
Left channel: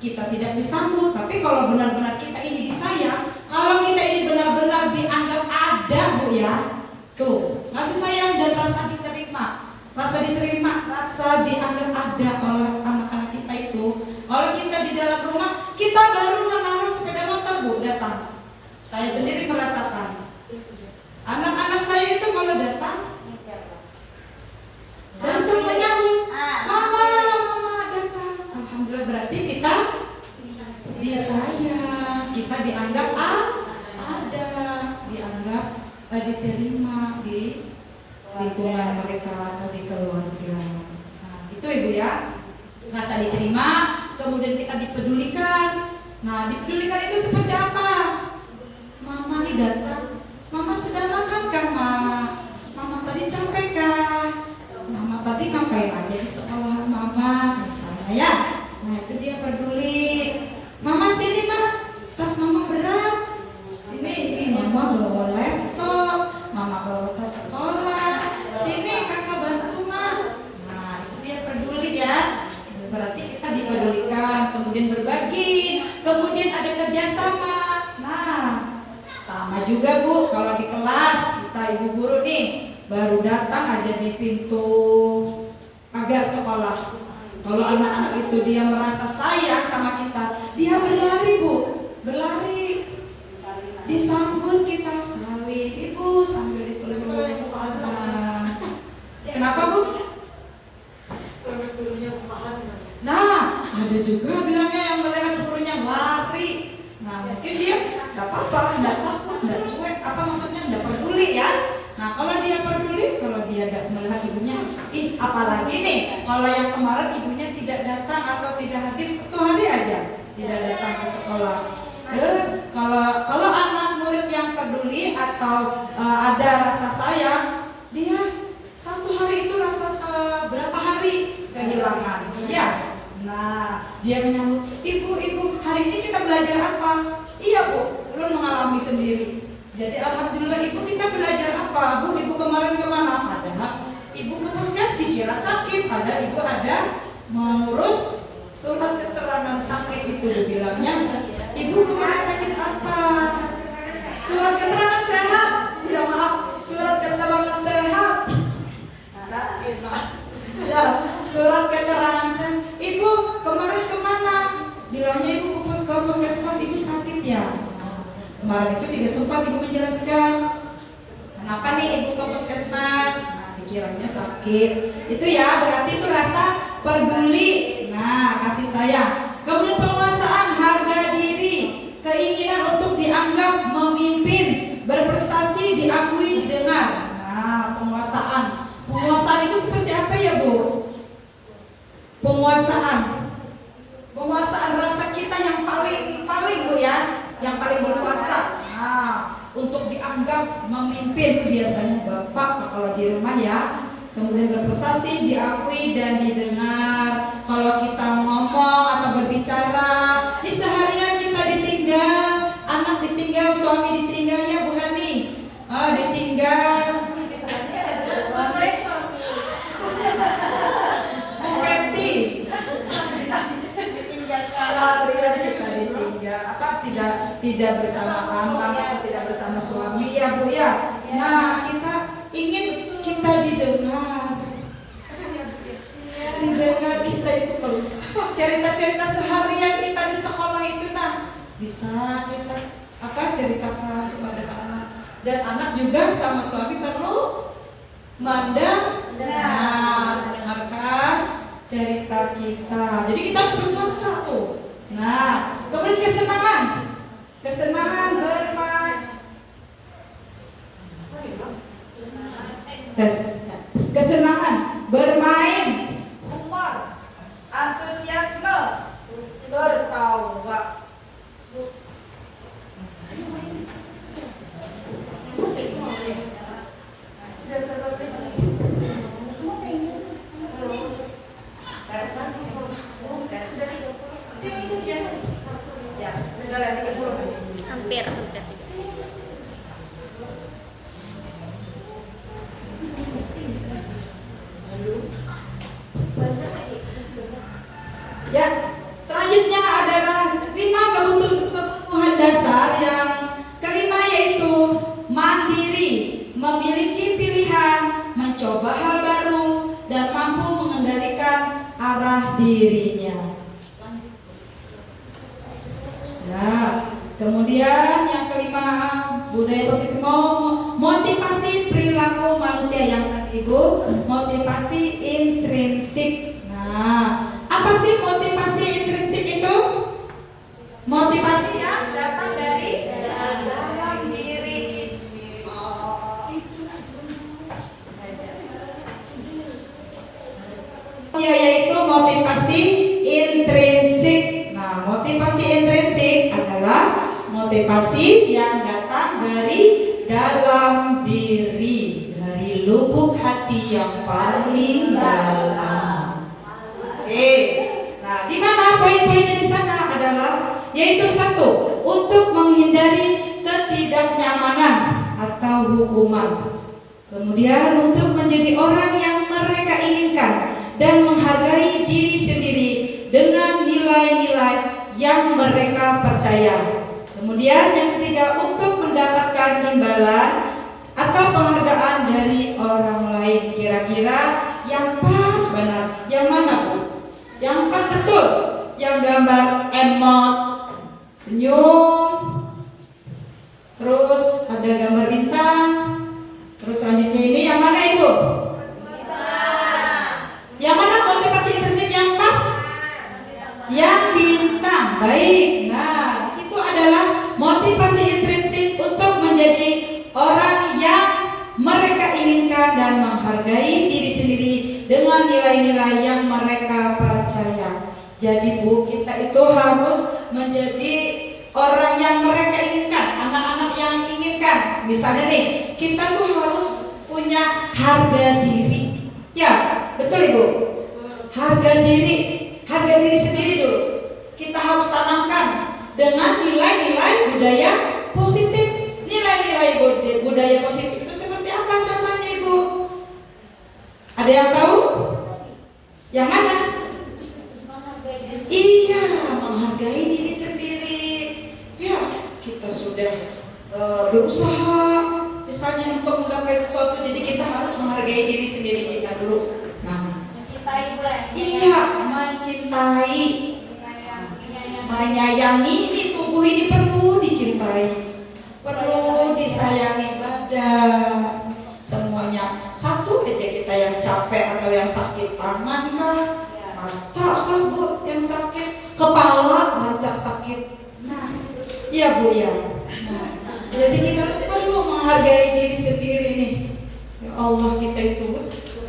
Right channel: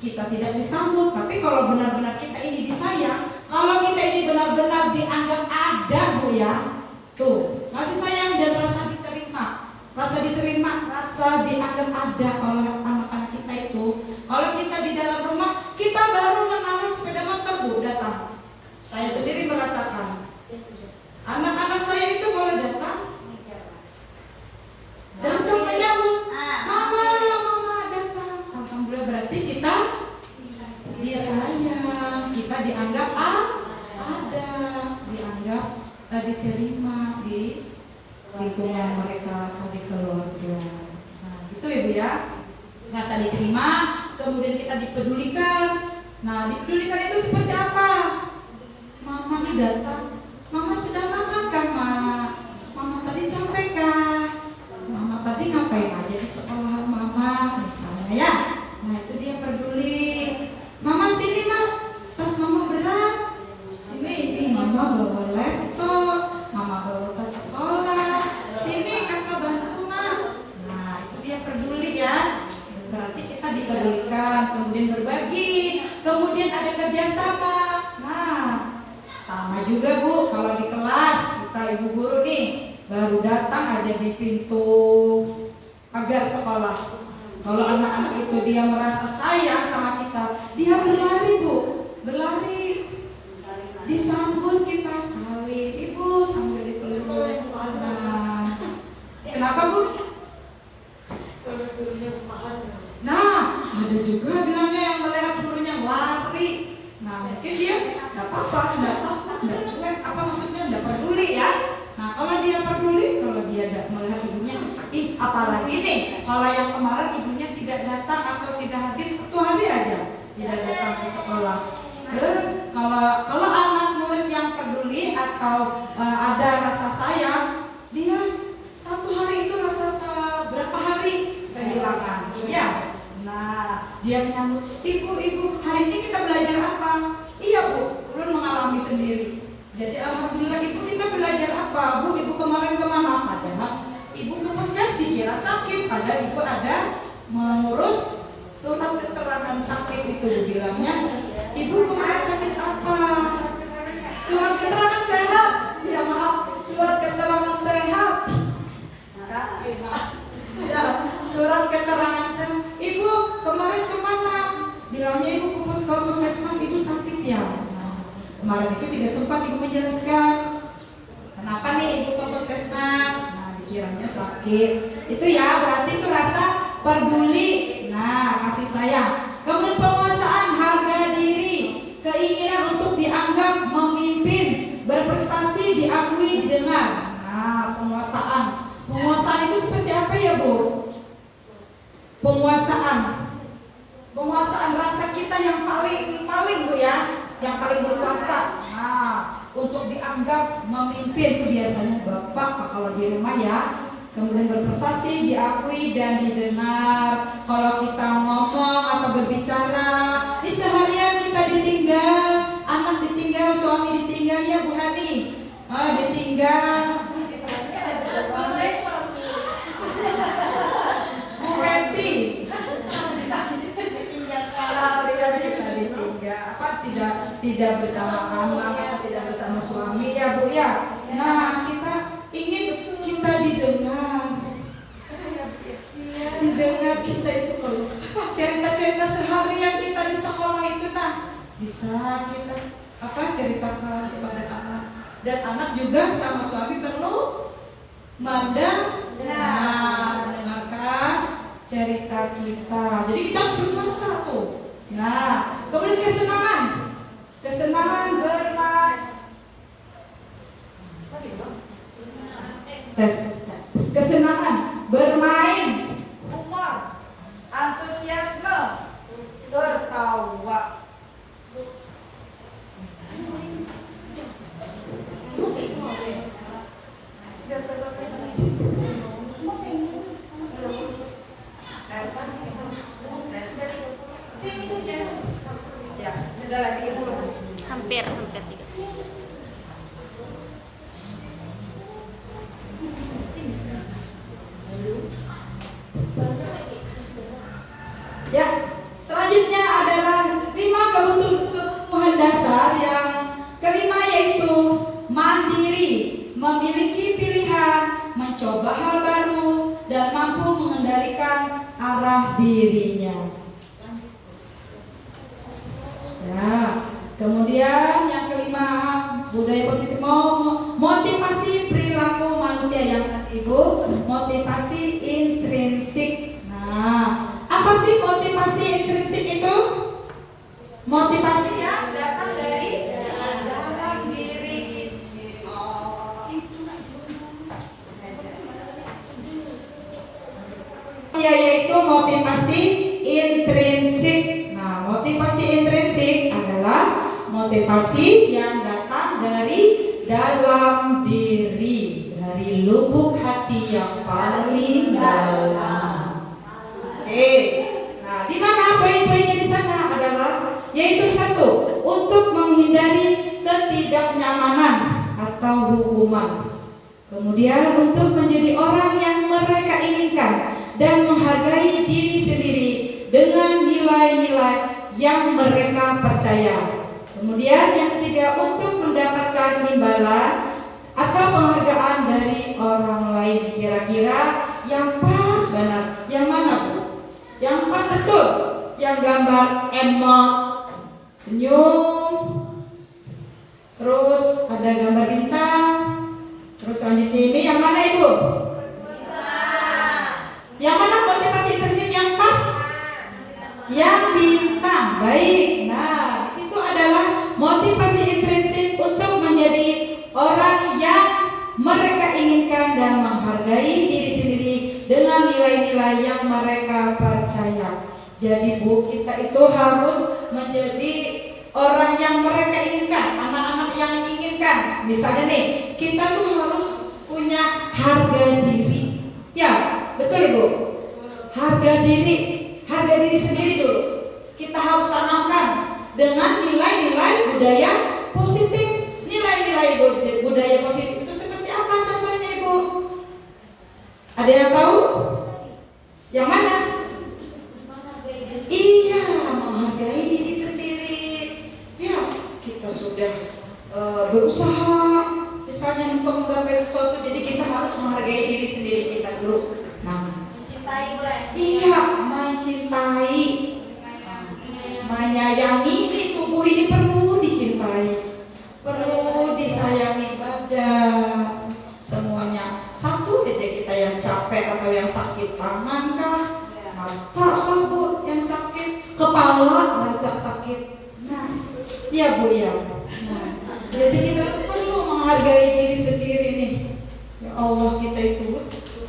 kita tidak disambut. Tapi kalau benar-benar kita ini disayang, kalau kita ini benar-benar dianggap ada Bu ya, tuh kasih sayang dan rasa diterima, rasa dianggap ada oleh anak-anak kita itu. Kalau kita di dalam rumah, kita baru menaruh sepeda motor Bu datang. Saya sendiri merasakan. Anak-anak saya itu kalau datang menyambut, mama datang. Alhamdulillah, berarti kita dia sayang, kita dianggap ada, dianggap diterima di lingkungan mereka atau di keluarga. Nah, itu Ibu ya, rasa diterima, kemudian kita dipedulikan. Nah, dipedulikan itu seperti apa? Mama nih datang, mama sudah makan kan mama tadi capek kan, mama tadi ngapain aja di sekolah mama misalnya ya. Nah, itu dia peduli. Mama sini tas mama berat, sini mama bawa laptop, mama bawa tas sekolah, sini kakak bantu Nah, itu dia peduli ya. Berarti kita dipedulikan, kemudian berbagi kemudian ada kerjasama. Nah, sama juga Bu, kalau di kelas kita ibu guru nih baru datang aja di pintu pagar sekolah. Kalau anak-anak itu dia merasa sayang sama kita, dia berlari Bu, berlari, disambut kita, salim, ibu sambil dipeluk. Nah, kenapa Bu? Nah, ada juga bilangnya yang melihat gurunya lari. Nah, mungkin dia nggak apa-apa, nggak takut, nggak cuek, apa maksudnya nggak peduli ya. Nah, kalau dia peduli, kalau dia melihat ibunya, apalagi nih, kalau yang kemarin ibunya tidak datang atau tidak hadir 1 hari aja, tidak datang ke sekolah. Kalau anak murid yang peduli atau ada rasa sayang, dia 1 hari itu rasa seberapa hari kehilangan, ya. Nah, dia menyambut, ibu, hari ini kita belajar apa? Iya Bu, ulun mengalami sendiri. Jadi alhamdulillah ibu kita belajar apa? Bu, ibu kemarin kemana? Padahal ibu ke puskes dikira sakit, padahal ibu ada mengurus surat keterangan sakit itu. Bilangnya, ibu kemarin sakit apa? Surat keterangan sehat. Ya maaf, surat keterangan sehat. Ya, surat keterangan sehat. Ibu kemarin kemana? Bilangnya ibu ke puskesmas, ibu sakit ya. Kemarin itu tidak sempat ibu menjelaskan kenapa nih ibu ke puskesmas. Nah, dikiranya sakit. Itu ya, berarti itu rasa peduli. Nah, kasih sayang. Kemudian penguasaan harga diri, keinginan untuk dianggap memimpin, berprestasi, diakui, didengar. Nah, penguasaan. Penguasaan itu seperti apa ya Bu? Penguasaan rasa kita yang paling Bu ya, yang paling berkuasa. Nah, untuk dianggap memimpin itu biasanya bapak kalau di rumah ya. Kemudian berprestasi, diakui dan didengar. Kalau kita ngomong atau berbicara, di seharian kita ditinggal, anak ditinggal, suami ditinggal, ya Bu Hani, ditinggal. Bu Peti, seharian kita ditinggal, tidak bersama anak atau tidak bersama suami ya Bu ya. Nah, kita ingin kita didengar kita itu kalau cerita-cerita seharian kita di sekolah itu, nah bisa kita ceritakan kepada anak, dan anak juga sama suami perlu mendengarkan cerita kita. Jadi kita harus berpuasa tuh. Nah, kemudian kesenangan bermain. Kesenangan bermain, humor, antusiasme, tertawa. Ya, sudah 30. Hampir udah. Ya, selanjutnya adalah 5 kebutuhan dasar. Yang kelima yaitu mandiri, memiliki pilihan, mencoba hal baru, dan mampu mengendalikan arah dirinya. Ya, kemudian yang kelima, budaya positif, motivasi perilaku manusia. Yang tadi Ibu, motivasi intrinsik. Nah, apa sih motivasi intrinsik itu? Motivasi yang datang dari dalam diri kita. Yaitu motivasi intrinsik. Nah, motivasi intrinsik adalah motivasi yang datang dari dalam diri, dari lubuk hati yang paling dalam. Nah, di mana poin-poinnya di sana adalah yaitu 1, untuk menghindari ketidaknyamanan atau hukuman. Kemudian untuk menjadi orang yang mereka inginkan dan menghargai diri sendiri dengan nilai-nilai yang mereka percaya. Kemudian yang ketiga, untuk mendapatkan imbalan atau penghargaan dari orang lain. Kira-kira yang pas banget yang mana, Bu? Yang pas betul, yang gambar emot, senyum, terus ada gambar bintang, terus selanjutnya ini yang mana, Ibu? Yang mana motivasi intrinsik yang pas? Yang bintang. Baik. Nah, di situ adalah motivasi intrinsik untuk menjadi orang yang mereka inginkan dan menghargai diri sendiri dengan nilai-nilai yang mereka percaya. Jadi, Bu, kita itu harus menjadi orang yang mereka inginkan, anak-anak yang inginkan. Misalnya nih, kita tuh harus punya harga diri. Ya, betul Ibu? Harga diri sendiri dulu. Kita harus tanamkan dengan nilai-nilai budaya positif. Nilai-nilai budaya positif itu seperti apa contohnya, Ibu? Ada yang tahu? Yang mana? Iya, menghargai diri sendiri. Ya, kita sudah berusaha misalnya untuk menggapai sesuatu, jadi kita harus menghargai diri sendiri kita dulu. Nah, iya, mencintai, menyayangi. Ini tubuh ini perlu dicintai, perlu disayangi badan semuanya. Satu aja kita yang capek atau yang sakit, tangan kah, mata kah, Bu, yang sakit, kepala rancak sakit. Nah, ya Bu ya. Nah, jadi kita tuh perlu menghargai diri sendiri nih. Ya Allah, kita itu Bu.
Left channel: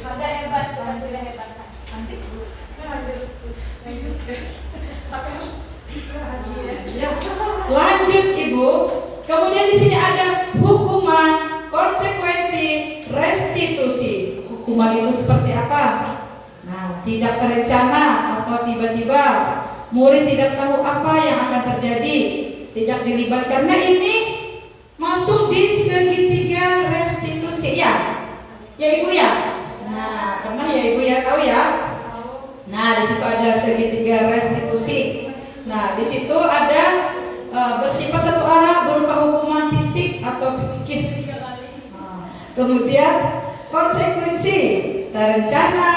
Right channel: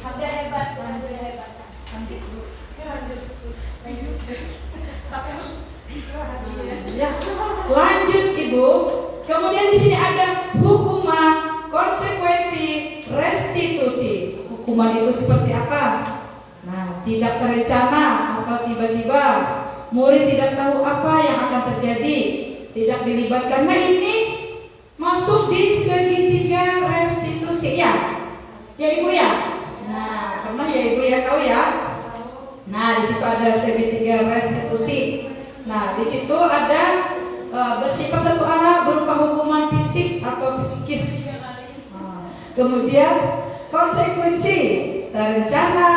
Ada hebat, kita sudah hebat. Nanti Bu. Tapi harus ya. Lanjut Ibu. Kemudian di sini ada hukuman, konsekuensi, restitusi. Hukuman itu seperti apa? Nah, tidak terencana atau tiba-tiba, murid tidak tahu apa yang akan terjadi, tidak dilibatkan. Nah, ini masuk di segitiga restitusi ya. Ya Ibu ya. Nah, pernah ya Ibu ya, tahu ya? Nah, di situ ada segitiga restitusi. Nah, di situ ada bersifat satu arah berupa hukuman fisik atau psikis. Nah, kemudian konsekuensi terencana,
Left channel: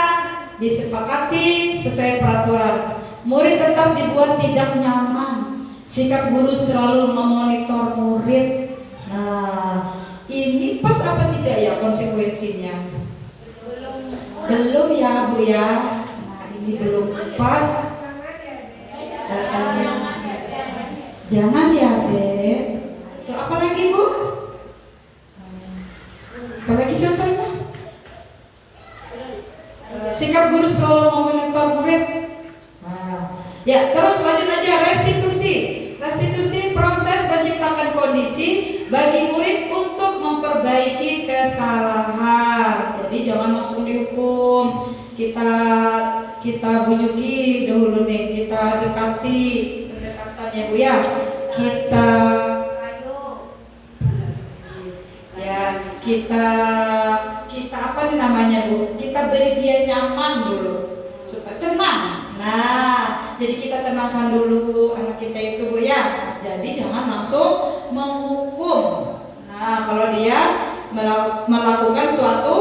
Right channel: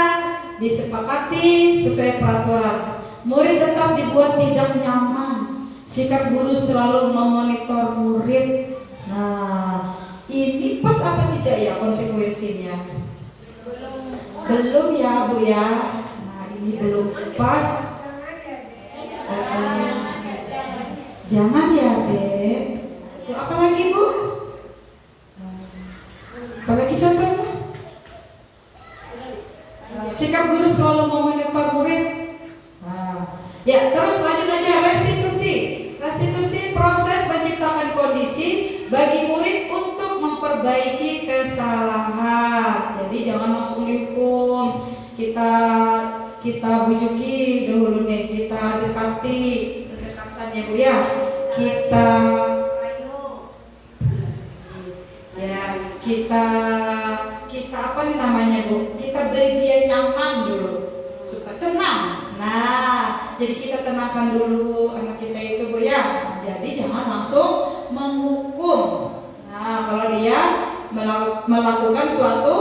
disepakati sesuai peraturan. Murid tetap dibuat tidak nyaman. Sikap guru selalu memonitor murid. Nah, ini pas apa tidak ya konsekuensinya? Belum ya Bu ya. Nah, ini belum pas. Jangan ya Dek. Itu apa lagi Bu? Apa lagi contohnya? Sikap guru selalu memonitor murid. Nah, ya terus lanjut aja restitusi. Restitusi proses menciptakan kondisi bagi murid untuk memperbaiki kesalahan. Jadi jangan langsung dihukum. Kita bujuki dulu nih, kita dekati pendekatannya Bu ya. Kita apa nih namanya Bu? Kita beri dia nyaman dulu supaya tenang. Nah, jadi kita tenangkan dulu anak kita itu Bu ya. Jadi jangan langsung menghukum. Nah, kalau dia melakukan suatu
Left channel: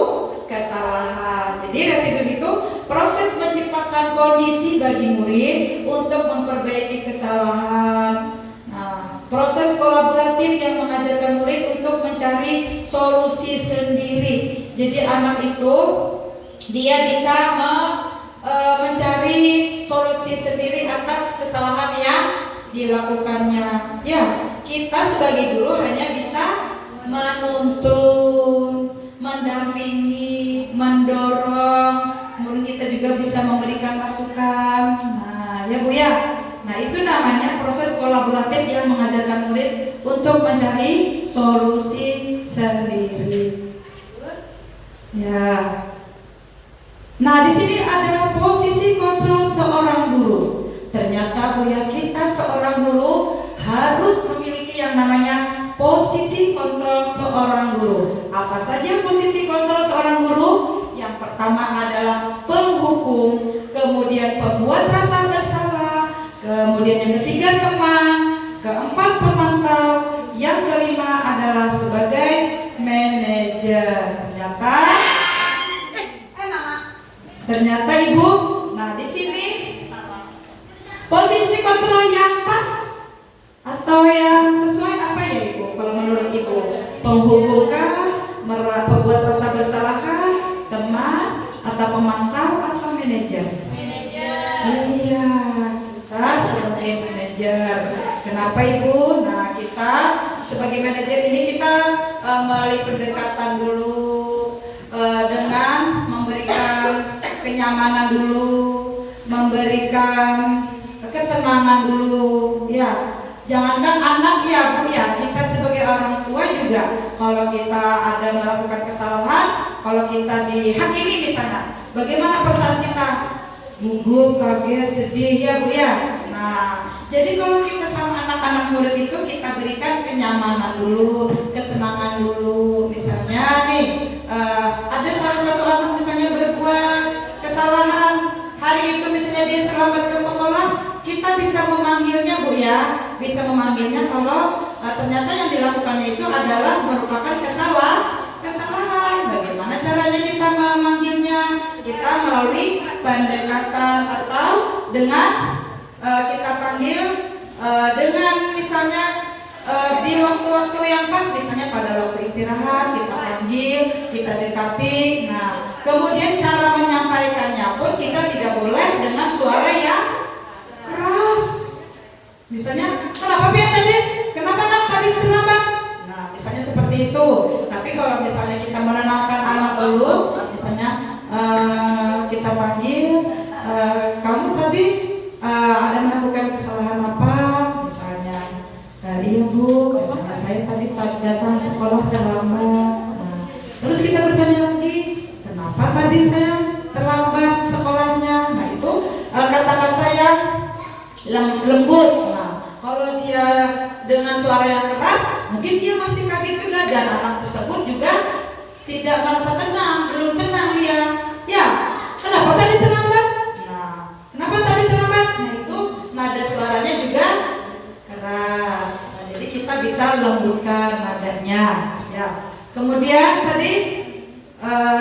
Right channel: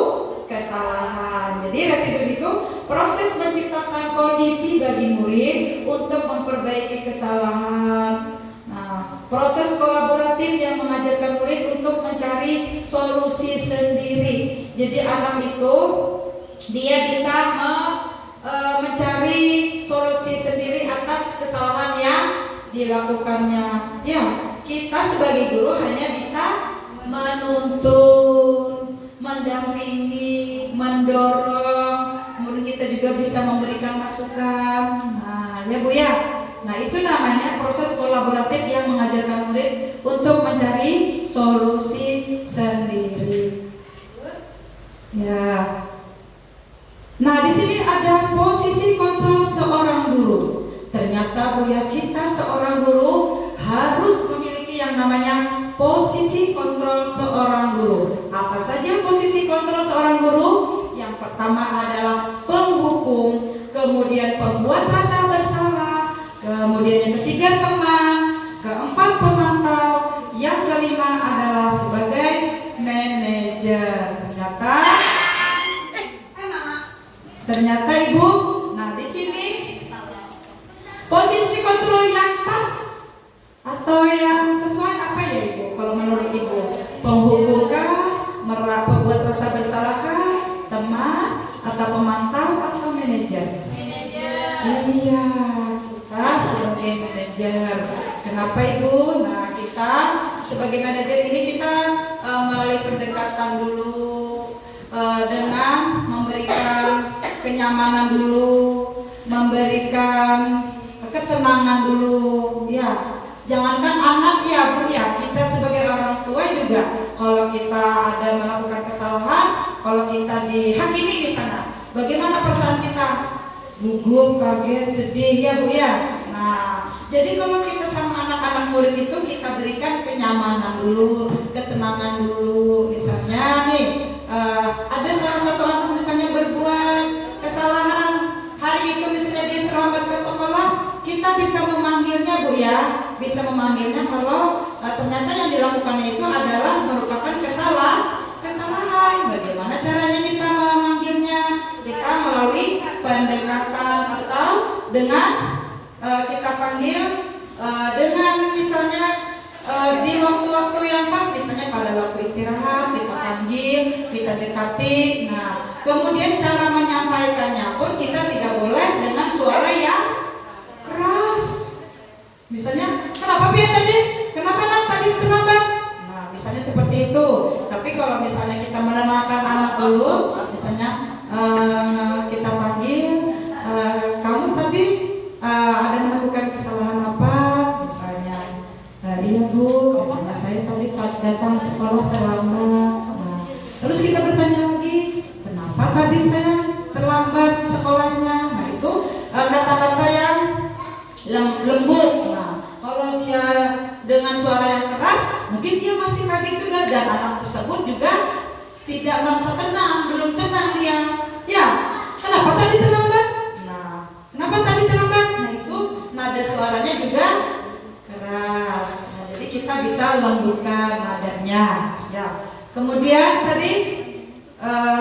kesalahan. Jadi restitusi itu proses menciptakan kondisi bagi murid untuk memperbaiki kesalahan. Nah, proses kolaboratif yang mengajarkan murid untuk mencari solusi sendiri. Jadi anak itu dia bisa mencari solusi sendiri atas kesalahan yang dilakukannya. Ya, kita sebagai guru hanya bisa menuntun, mendampingi, mendorong, kemudian kita juga bisa memberikan masukan. Nah, ya Bu ya. Nah, itu namanya proses kolaboratif yang mengajarkan murid untuk mencari solusi sendiri. Ya. Nah, di sini ada posisi kontrol seorang guru. Ternyata Bu ya, kita seorang guru harus memiliki yang namanya posisi kontrol seorang guru. Apa saja posisi kontrol seorang guru? Yang pertama adalah penghukum, kemudian pembuat rasa bersalah, kemudian yang ketiga teman, keempat pemantau, yang kelima adalah sebagai manajer. Ternyata Ibu, nah di sini posisi kontrol yang pas atau yang sesuai apa ya Ibu? Kalau menurut Ibu, penghubungkah, pembuat rasa bersalahkah, teman atau pemantau atau manajer? Iya, kita sebagai manajer. Kenapa Ibu? Nah kita sebagai manajer ini kita melalui pendekatan dulu dengan memberikan kenyamanan dulu, memberikan ketenangan dulu, ya. Jangankan anak ya Bu ya, kita sebagai orang tua juga kalau kita ada melakukan kesalahan, kalau kita dihakimi di sana, bagaimana perasaan kita? Gugup, kaget, sedih ya Bu ya. Nah, jadi kalau kita sama anak-anak murid itu kita berikan kenyamanan dulu, ketenangan dulu. Misalnya nih, ada salah satu anak misalnya berbuat kesalahan hari itu, misalnya dia terlambat ke sekolah, kita bisa memanggilnya Bu ya, bisa memanggilnya kalau ternyata yang dilakukannya itu adalah merupakan kesalahan. Bagaimana caranya kita memanggilnya? Kita melalui pendekatan atau dengan kita panggil dengan misalnya di waktu-waktu yang pas, misalnya pada waktu istirahat kita panggil, kita dekati. Nah, kemudian cara menyampaikannya pun kita tidak boleh dengan suara yang keras. Misalnya, kenapa Pia tadi? Kenapa nak tadi terlambat? Nah, misalnya seperti itu. Tapi kalau misalnya kita menenangkan anak dulu, misalnya kita panggil, kamu tadi ada melakukan kesalahan apa? Misalnya, iya Bu, misalnya saya tadi datang sekolah terlambat. Nah, terus kita bertanya lagi, kenapa tadi saya terlambat sekolahnya? Nah itu kata-kata yang lembut. Nah, kalau dia dengan suara yang keras, mungkin dia masih kaget juga, dan anak tersebut juga tidak merasa tenang, belum tenang dia. Ya, kenapa tadi terlambat? Nah, kenapa tadi terlambat? Nah itu nada suaranya juga keras. Nah, jadi kita bisa lembutkan nadanya. Ya. Kemudian tadi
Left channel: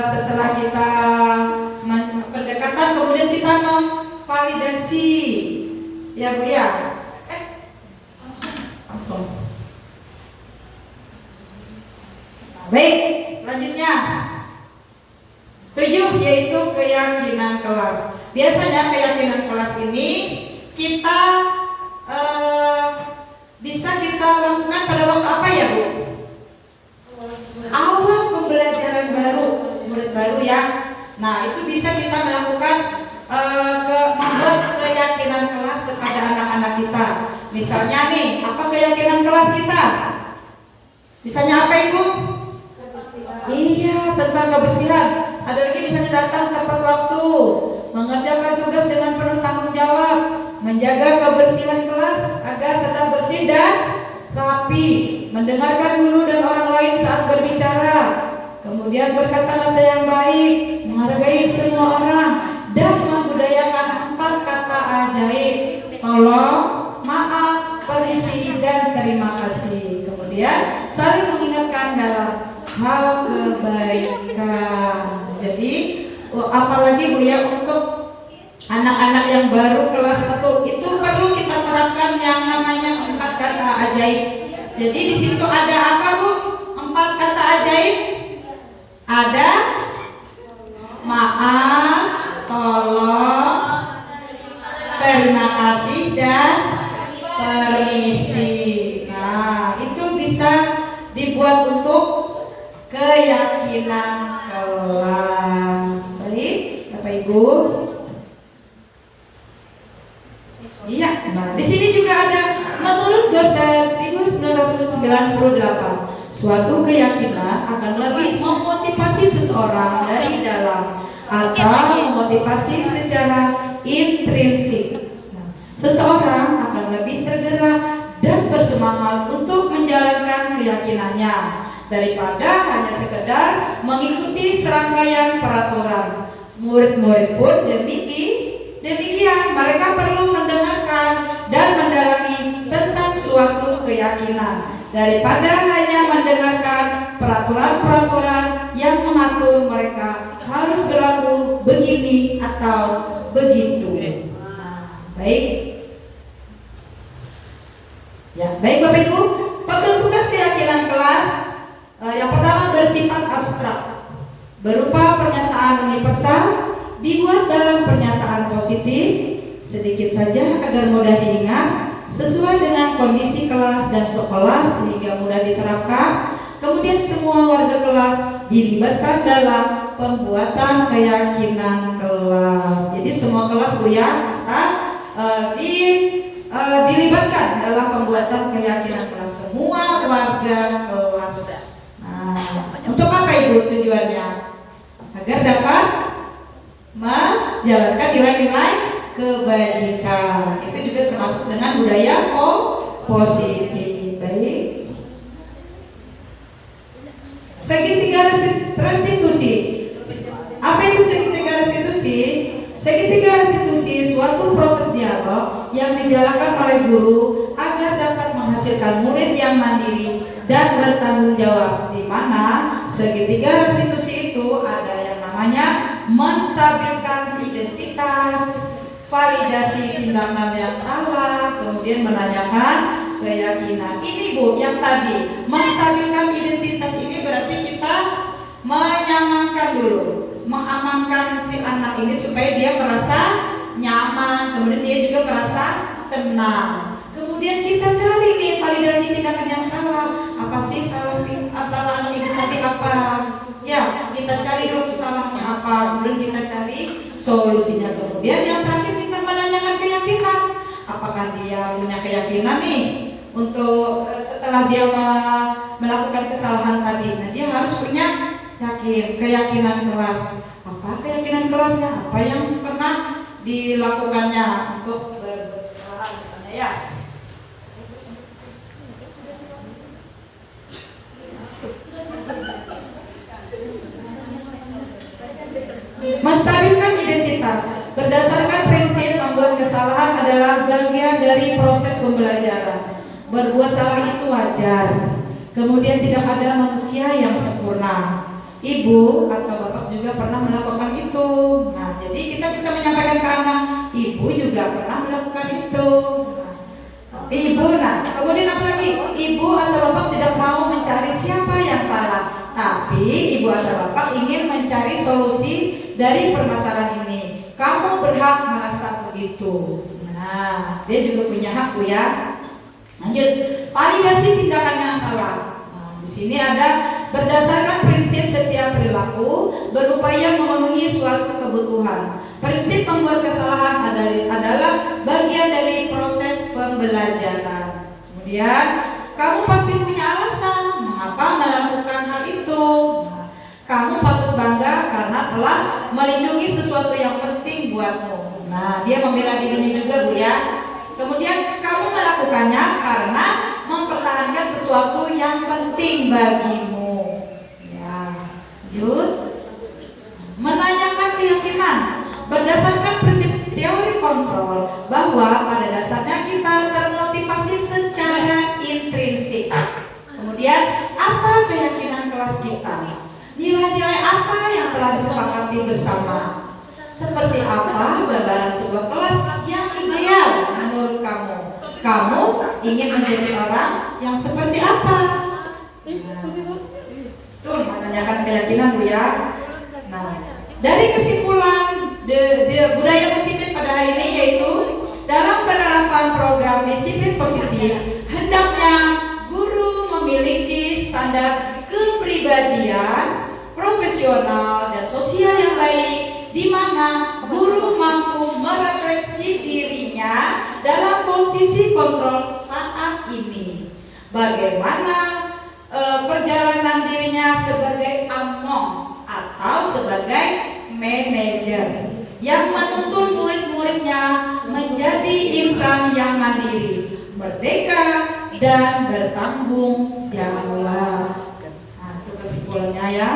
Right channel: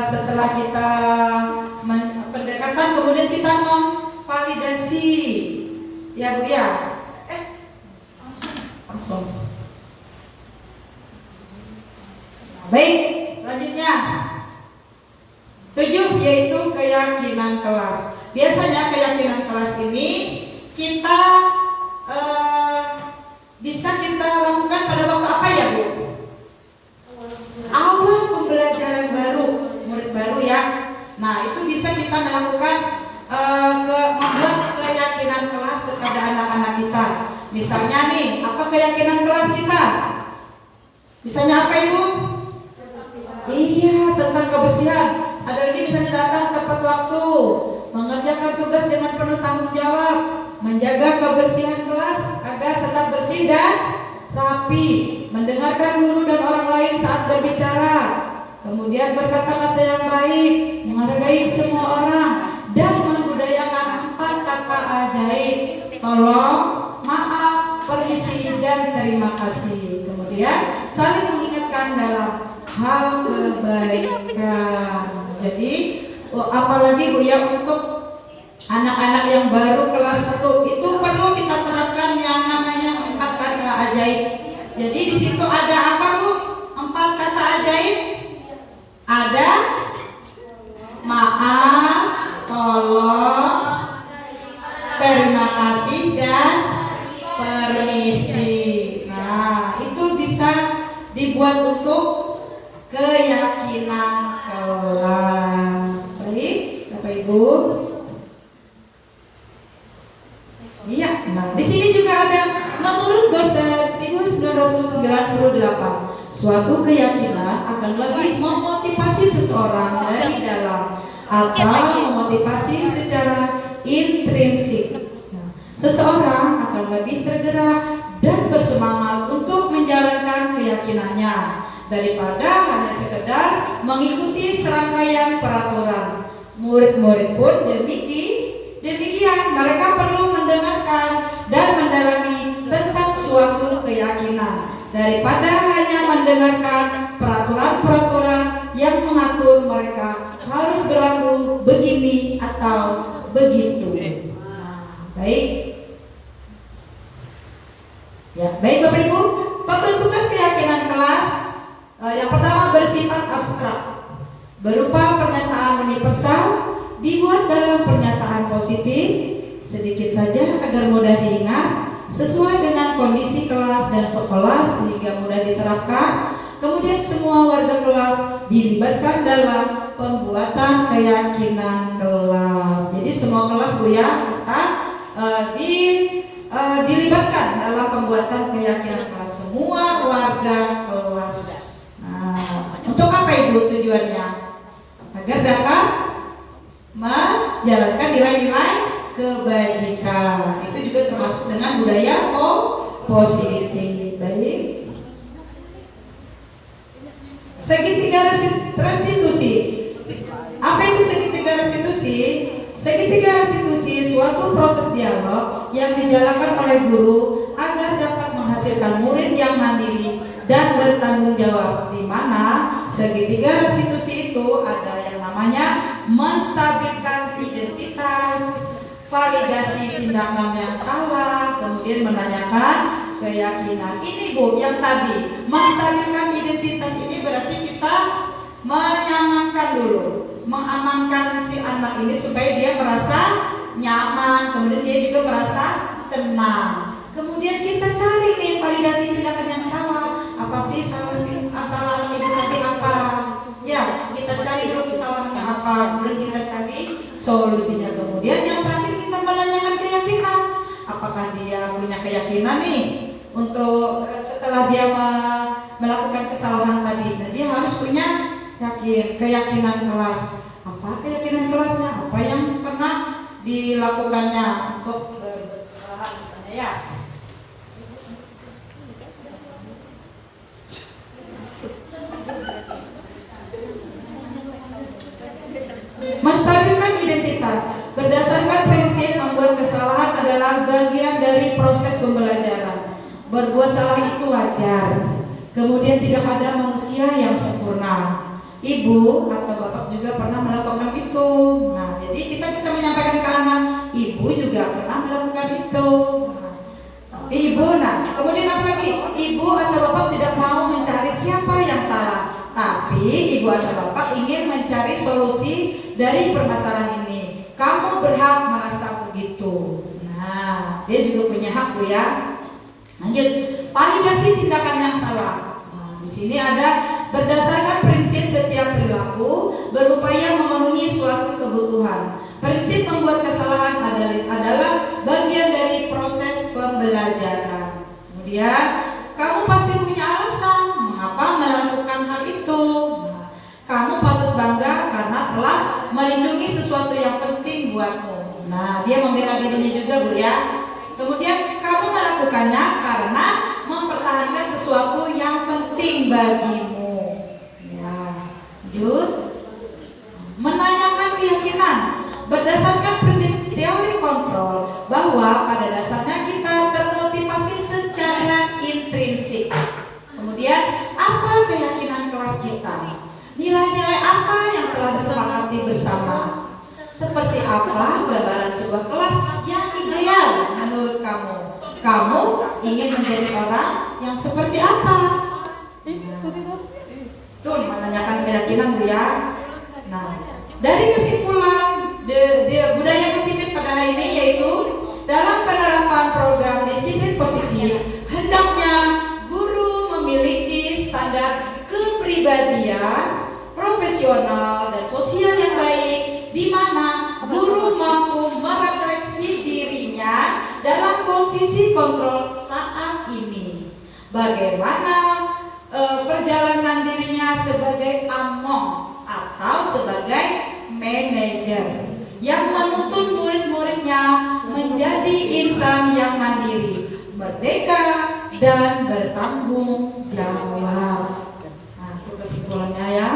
setelah kita pendekatan, kemudian kita memvalidasi. Ya Bu ya. Langsung. Baik, selanjutnya 7 yaitu keyakinan kelas. Biasanya keyakinan kelas ini kita bisa kita lakukan pada waktu apa ya Bu? Awal pembelajaran baru, murid baru ya. Nah itu bisa kita melakukan membuat keyakinan kelas kepada anak-anak kita. Misalnya nih, apa keyakinan kelas kita? Misalnya apa Ibu? Iya, tentang kebersihan. Ada lagi misalnya datang tepat waktu, mengerjakan tugas dengan penuh tanggung jawab, menjaga kebersihan kelas agar tetap bersih dan rapi, mendengarkan guru dan orang lain saat berbicara, kemudian berkata-kata yang baik, menghargai semua orang, dan membudayakan 4 kata ajaib: tolong, maaf, permisi, dan terima kasih. Kemudian saling mengingatkan dalam hal kebaikan. Jadi apalagi Bu ya, untuk anak-anak yang baru kelas 1 itu perlu kita terapkan yang namanya 4 kata ajaib. Jadi di situ ada apa Bu? 4 kata ajaib. Ada maaf, tolong, terima kasih, dan permisi. Nah, itu bisa dibuat untuk keyakinan kelas. Baik, Bapak Ibu. Iya, nah di sini juga ada, menurut Gosel 1998, suatu keyakinan akan lebih memotivasi seseorang dari dalam atau memotivasi secara intrinsik. Nah, seseorang akan lebih tergerak dan bersemangat untuk menjalankan keyakinannya daripada hanya sekedar mengikuti serangkaian peraturan. Murid-murid pun demikian, mereka perlu mendengarkan dan mendalami daripada hanya mendengarkan peraturan-peraturan yang mengatur mereka harus berlaku begini atau begitu. Baik. Ya, baik Bapak Ibu, pembentukan keyakinan kelas yang pertama bersifat abstrak, berupa pernyataan universal, dibuat dalam pernyataan positif, sedikit saja agar mudah diingat, sesuai dengan kondisi kelas dan sekolah sehingga mudah diterapkan. Kemudian semua warga kelas dilibatkan dalam pembuatan keyakinan kelas. Jadi semua kelas Bu ya, kita dilibatkan dalam pembuatan keyakinan kelas, semua warga kelas. Nah, untuk apa Ibu tujuannya? Agar dapat menjalankan nilai-nilai kebajikan. Itu juga termasuk dengan budaya positif. Baik. Segitiga restitusi. Apa itu segitiga restitusi? Segitiga restitusi suatu proses dialog yang dijalankan oleh guru agar dapat menghasilkan murid yang mandiri dan bertanggung jawab, di mana segitiga restitusi itu ada yang namanya menstabilkan identitas, validasi tindakan yang salah, kemudian menanyakan keyakinan. Ini Bu, yang tadi menstabilkan identitas ini berarti kita menyamankan dulu, mengamankan si anak ini supaya dia merasa nyaman, kemudian dia juga merasa tenang. Kemudian kita cari nih validasi tindakan yang salah. Apa sih kesalahan ibu tadi apa? Ya, kita cari dulu kesalahannya apa, kemudian kita cari solusinya. Kemudian yang terakhir kita menanyakan keyakinan. Apakah dia punya keyakinan nih untuk setelah dia melakukan kesalahan tadi? Nah, dia harus punya keyakinan kelas. Apa keyakinan kelasnya? Apa yang pernah dilakukannya untuk kesalahan misalnya ya? Menstabilkan identitas berdasarkan prinsip membuat kesalahan adalah bagian dari proses pembelajaran. Berbuat salah itu wajar. Kemudian tidak ada manusia yang sempurna. Ibu atau bapak juga pernah melakukan itu. Nah, jadi kita bisa menyampaikan ke anak, ibu juga pernah melakukan itu. Kemudian apa lagi? Ibu atau bapak tidak mau mencari siapa yang salah, tapi ibu atau bapak ingin mencari solusi dari permasalahan ini. Kamu berhak merasa begitu. Nah, dia juga punya hak Bu ya. Lanjut, validasi tindakan yang salah. Nah, di sini ada berdasarkan prinsip setiap perilaku berupaya memenuhi suatu kebutuhan. Prinsip membuat kesalahan adalah bagian dari proses pembelajaran. Kemudian kamu pasti punya alasan mengapa melakukan hal itu. Nah, kamu patut bangga karena telah melindungi sesuatu yang penting buatmu. Nah, dia membela dirinya juga Bu ya. Kemudian kamu melakukannya karena mempertahankan sesuatu yang penting bagimu. Ya, lanjut. Menanyakan keyakinan berdasarkan prinsip teori kontrol bahwa pada dasarnya kita termotivasi secara intrinsik. Kemudian apa keyakinan kelas kita? Nilai-nilai apa yang telah disepakati bersama? Seperti apa gambaran sebuah kelas yang ideal menurut kamu? Kamu ingin menjadi orang yang seperti apa? Tuh, menanyakan keyakinan Bu ya. Nah, dari kesimpulan budaya positif pada hari ini yaitu dalam penerapan program disiplin positif hendaknya guru memiliki standar kepribadian, profesional dan sosial yang baik, di mana guru mampu merefleksi dirinya dalam posisi kontrol saat ini. Bagaimana perjalanan dirinya sebagai among atau sebagai manajer yang menuntun murid-muridnya menjadi insan yang mandiri, merdeka dan bertanggung jawab. Nah, itu kesimpulannya ya.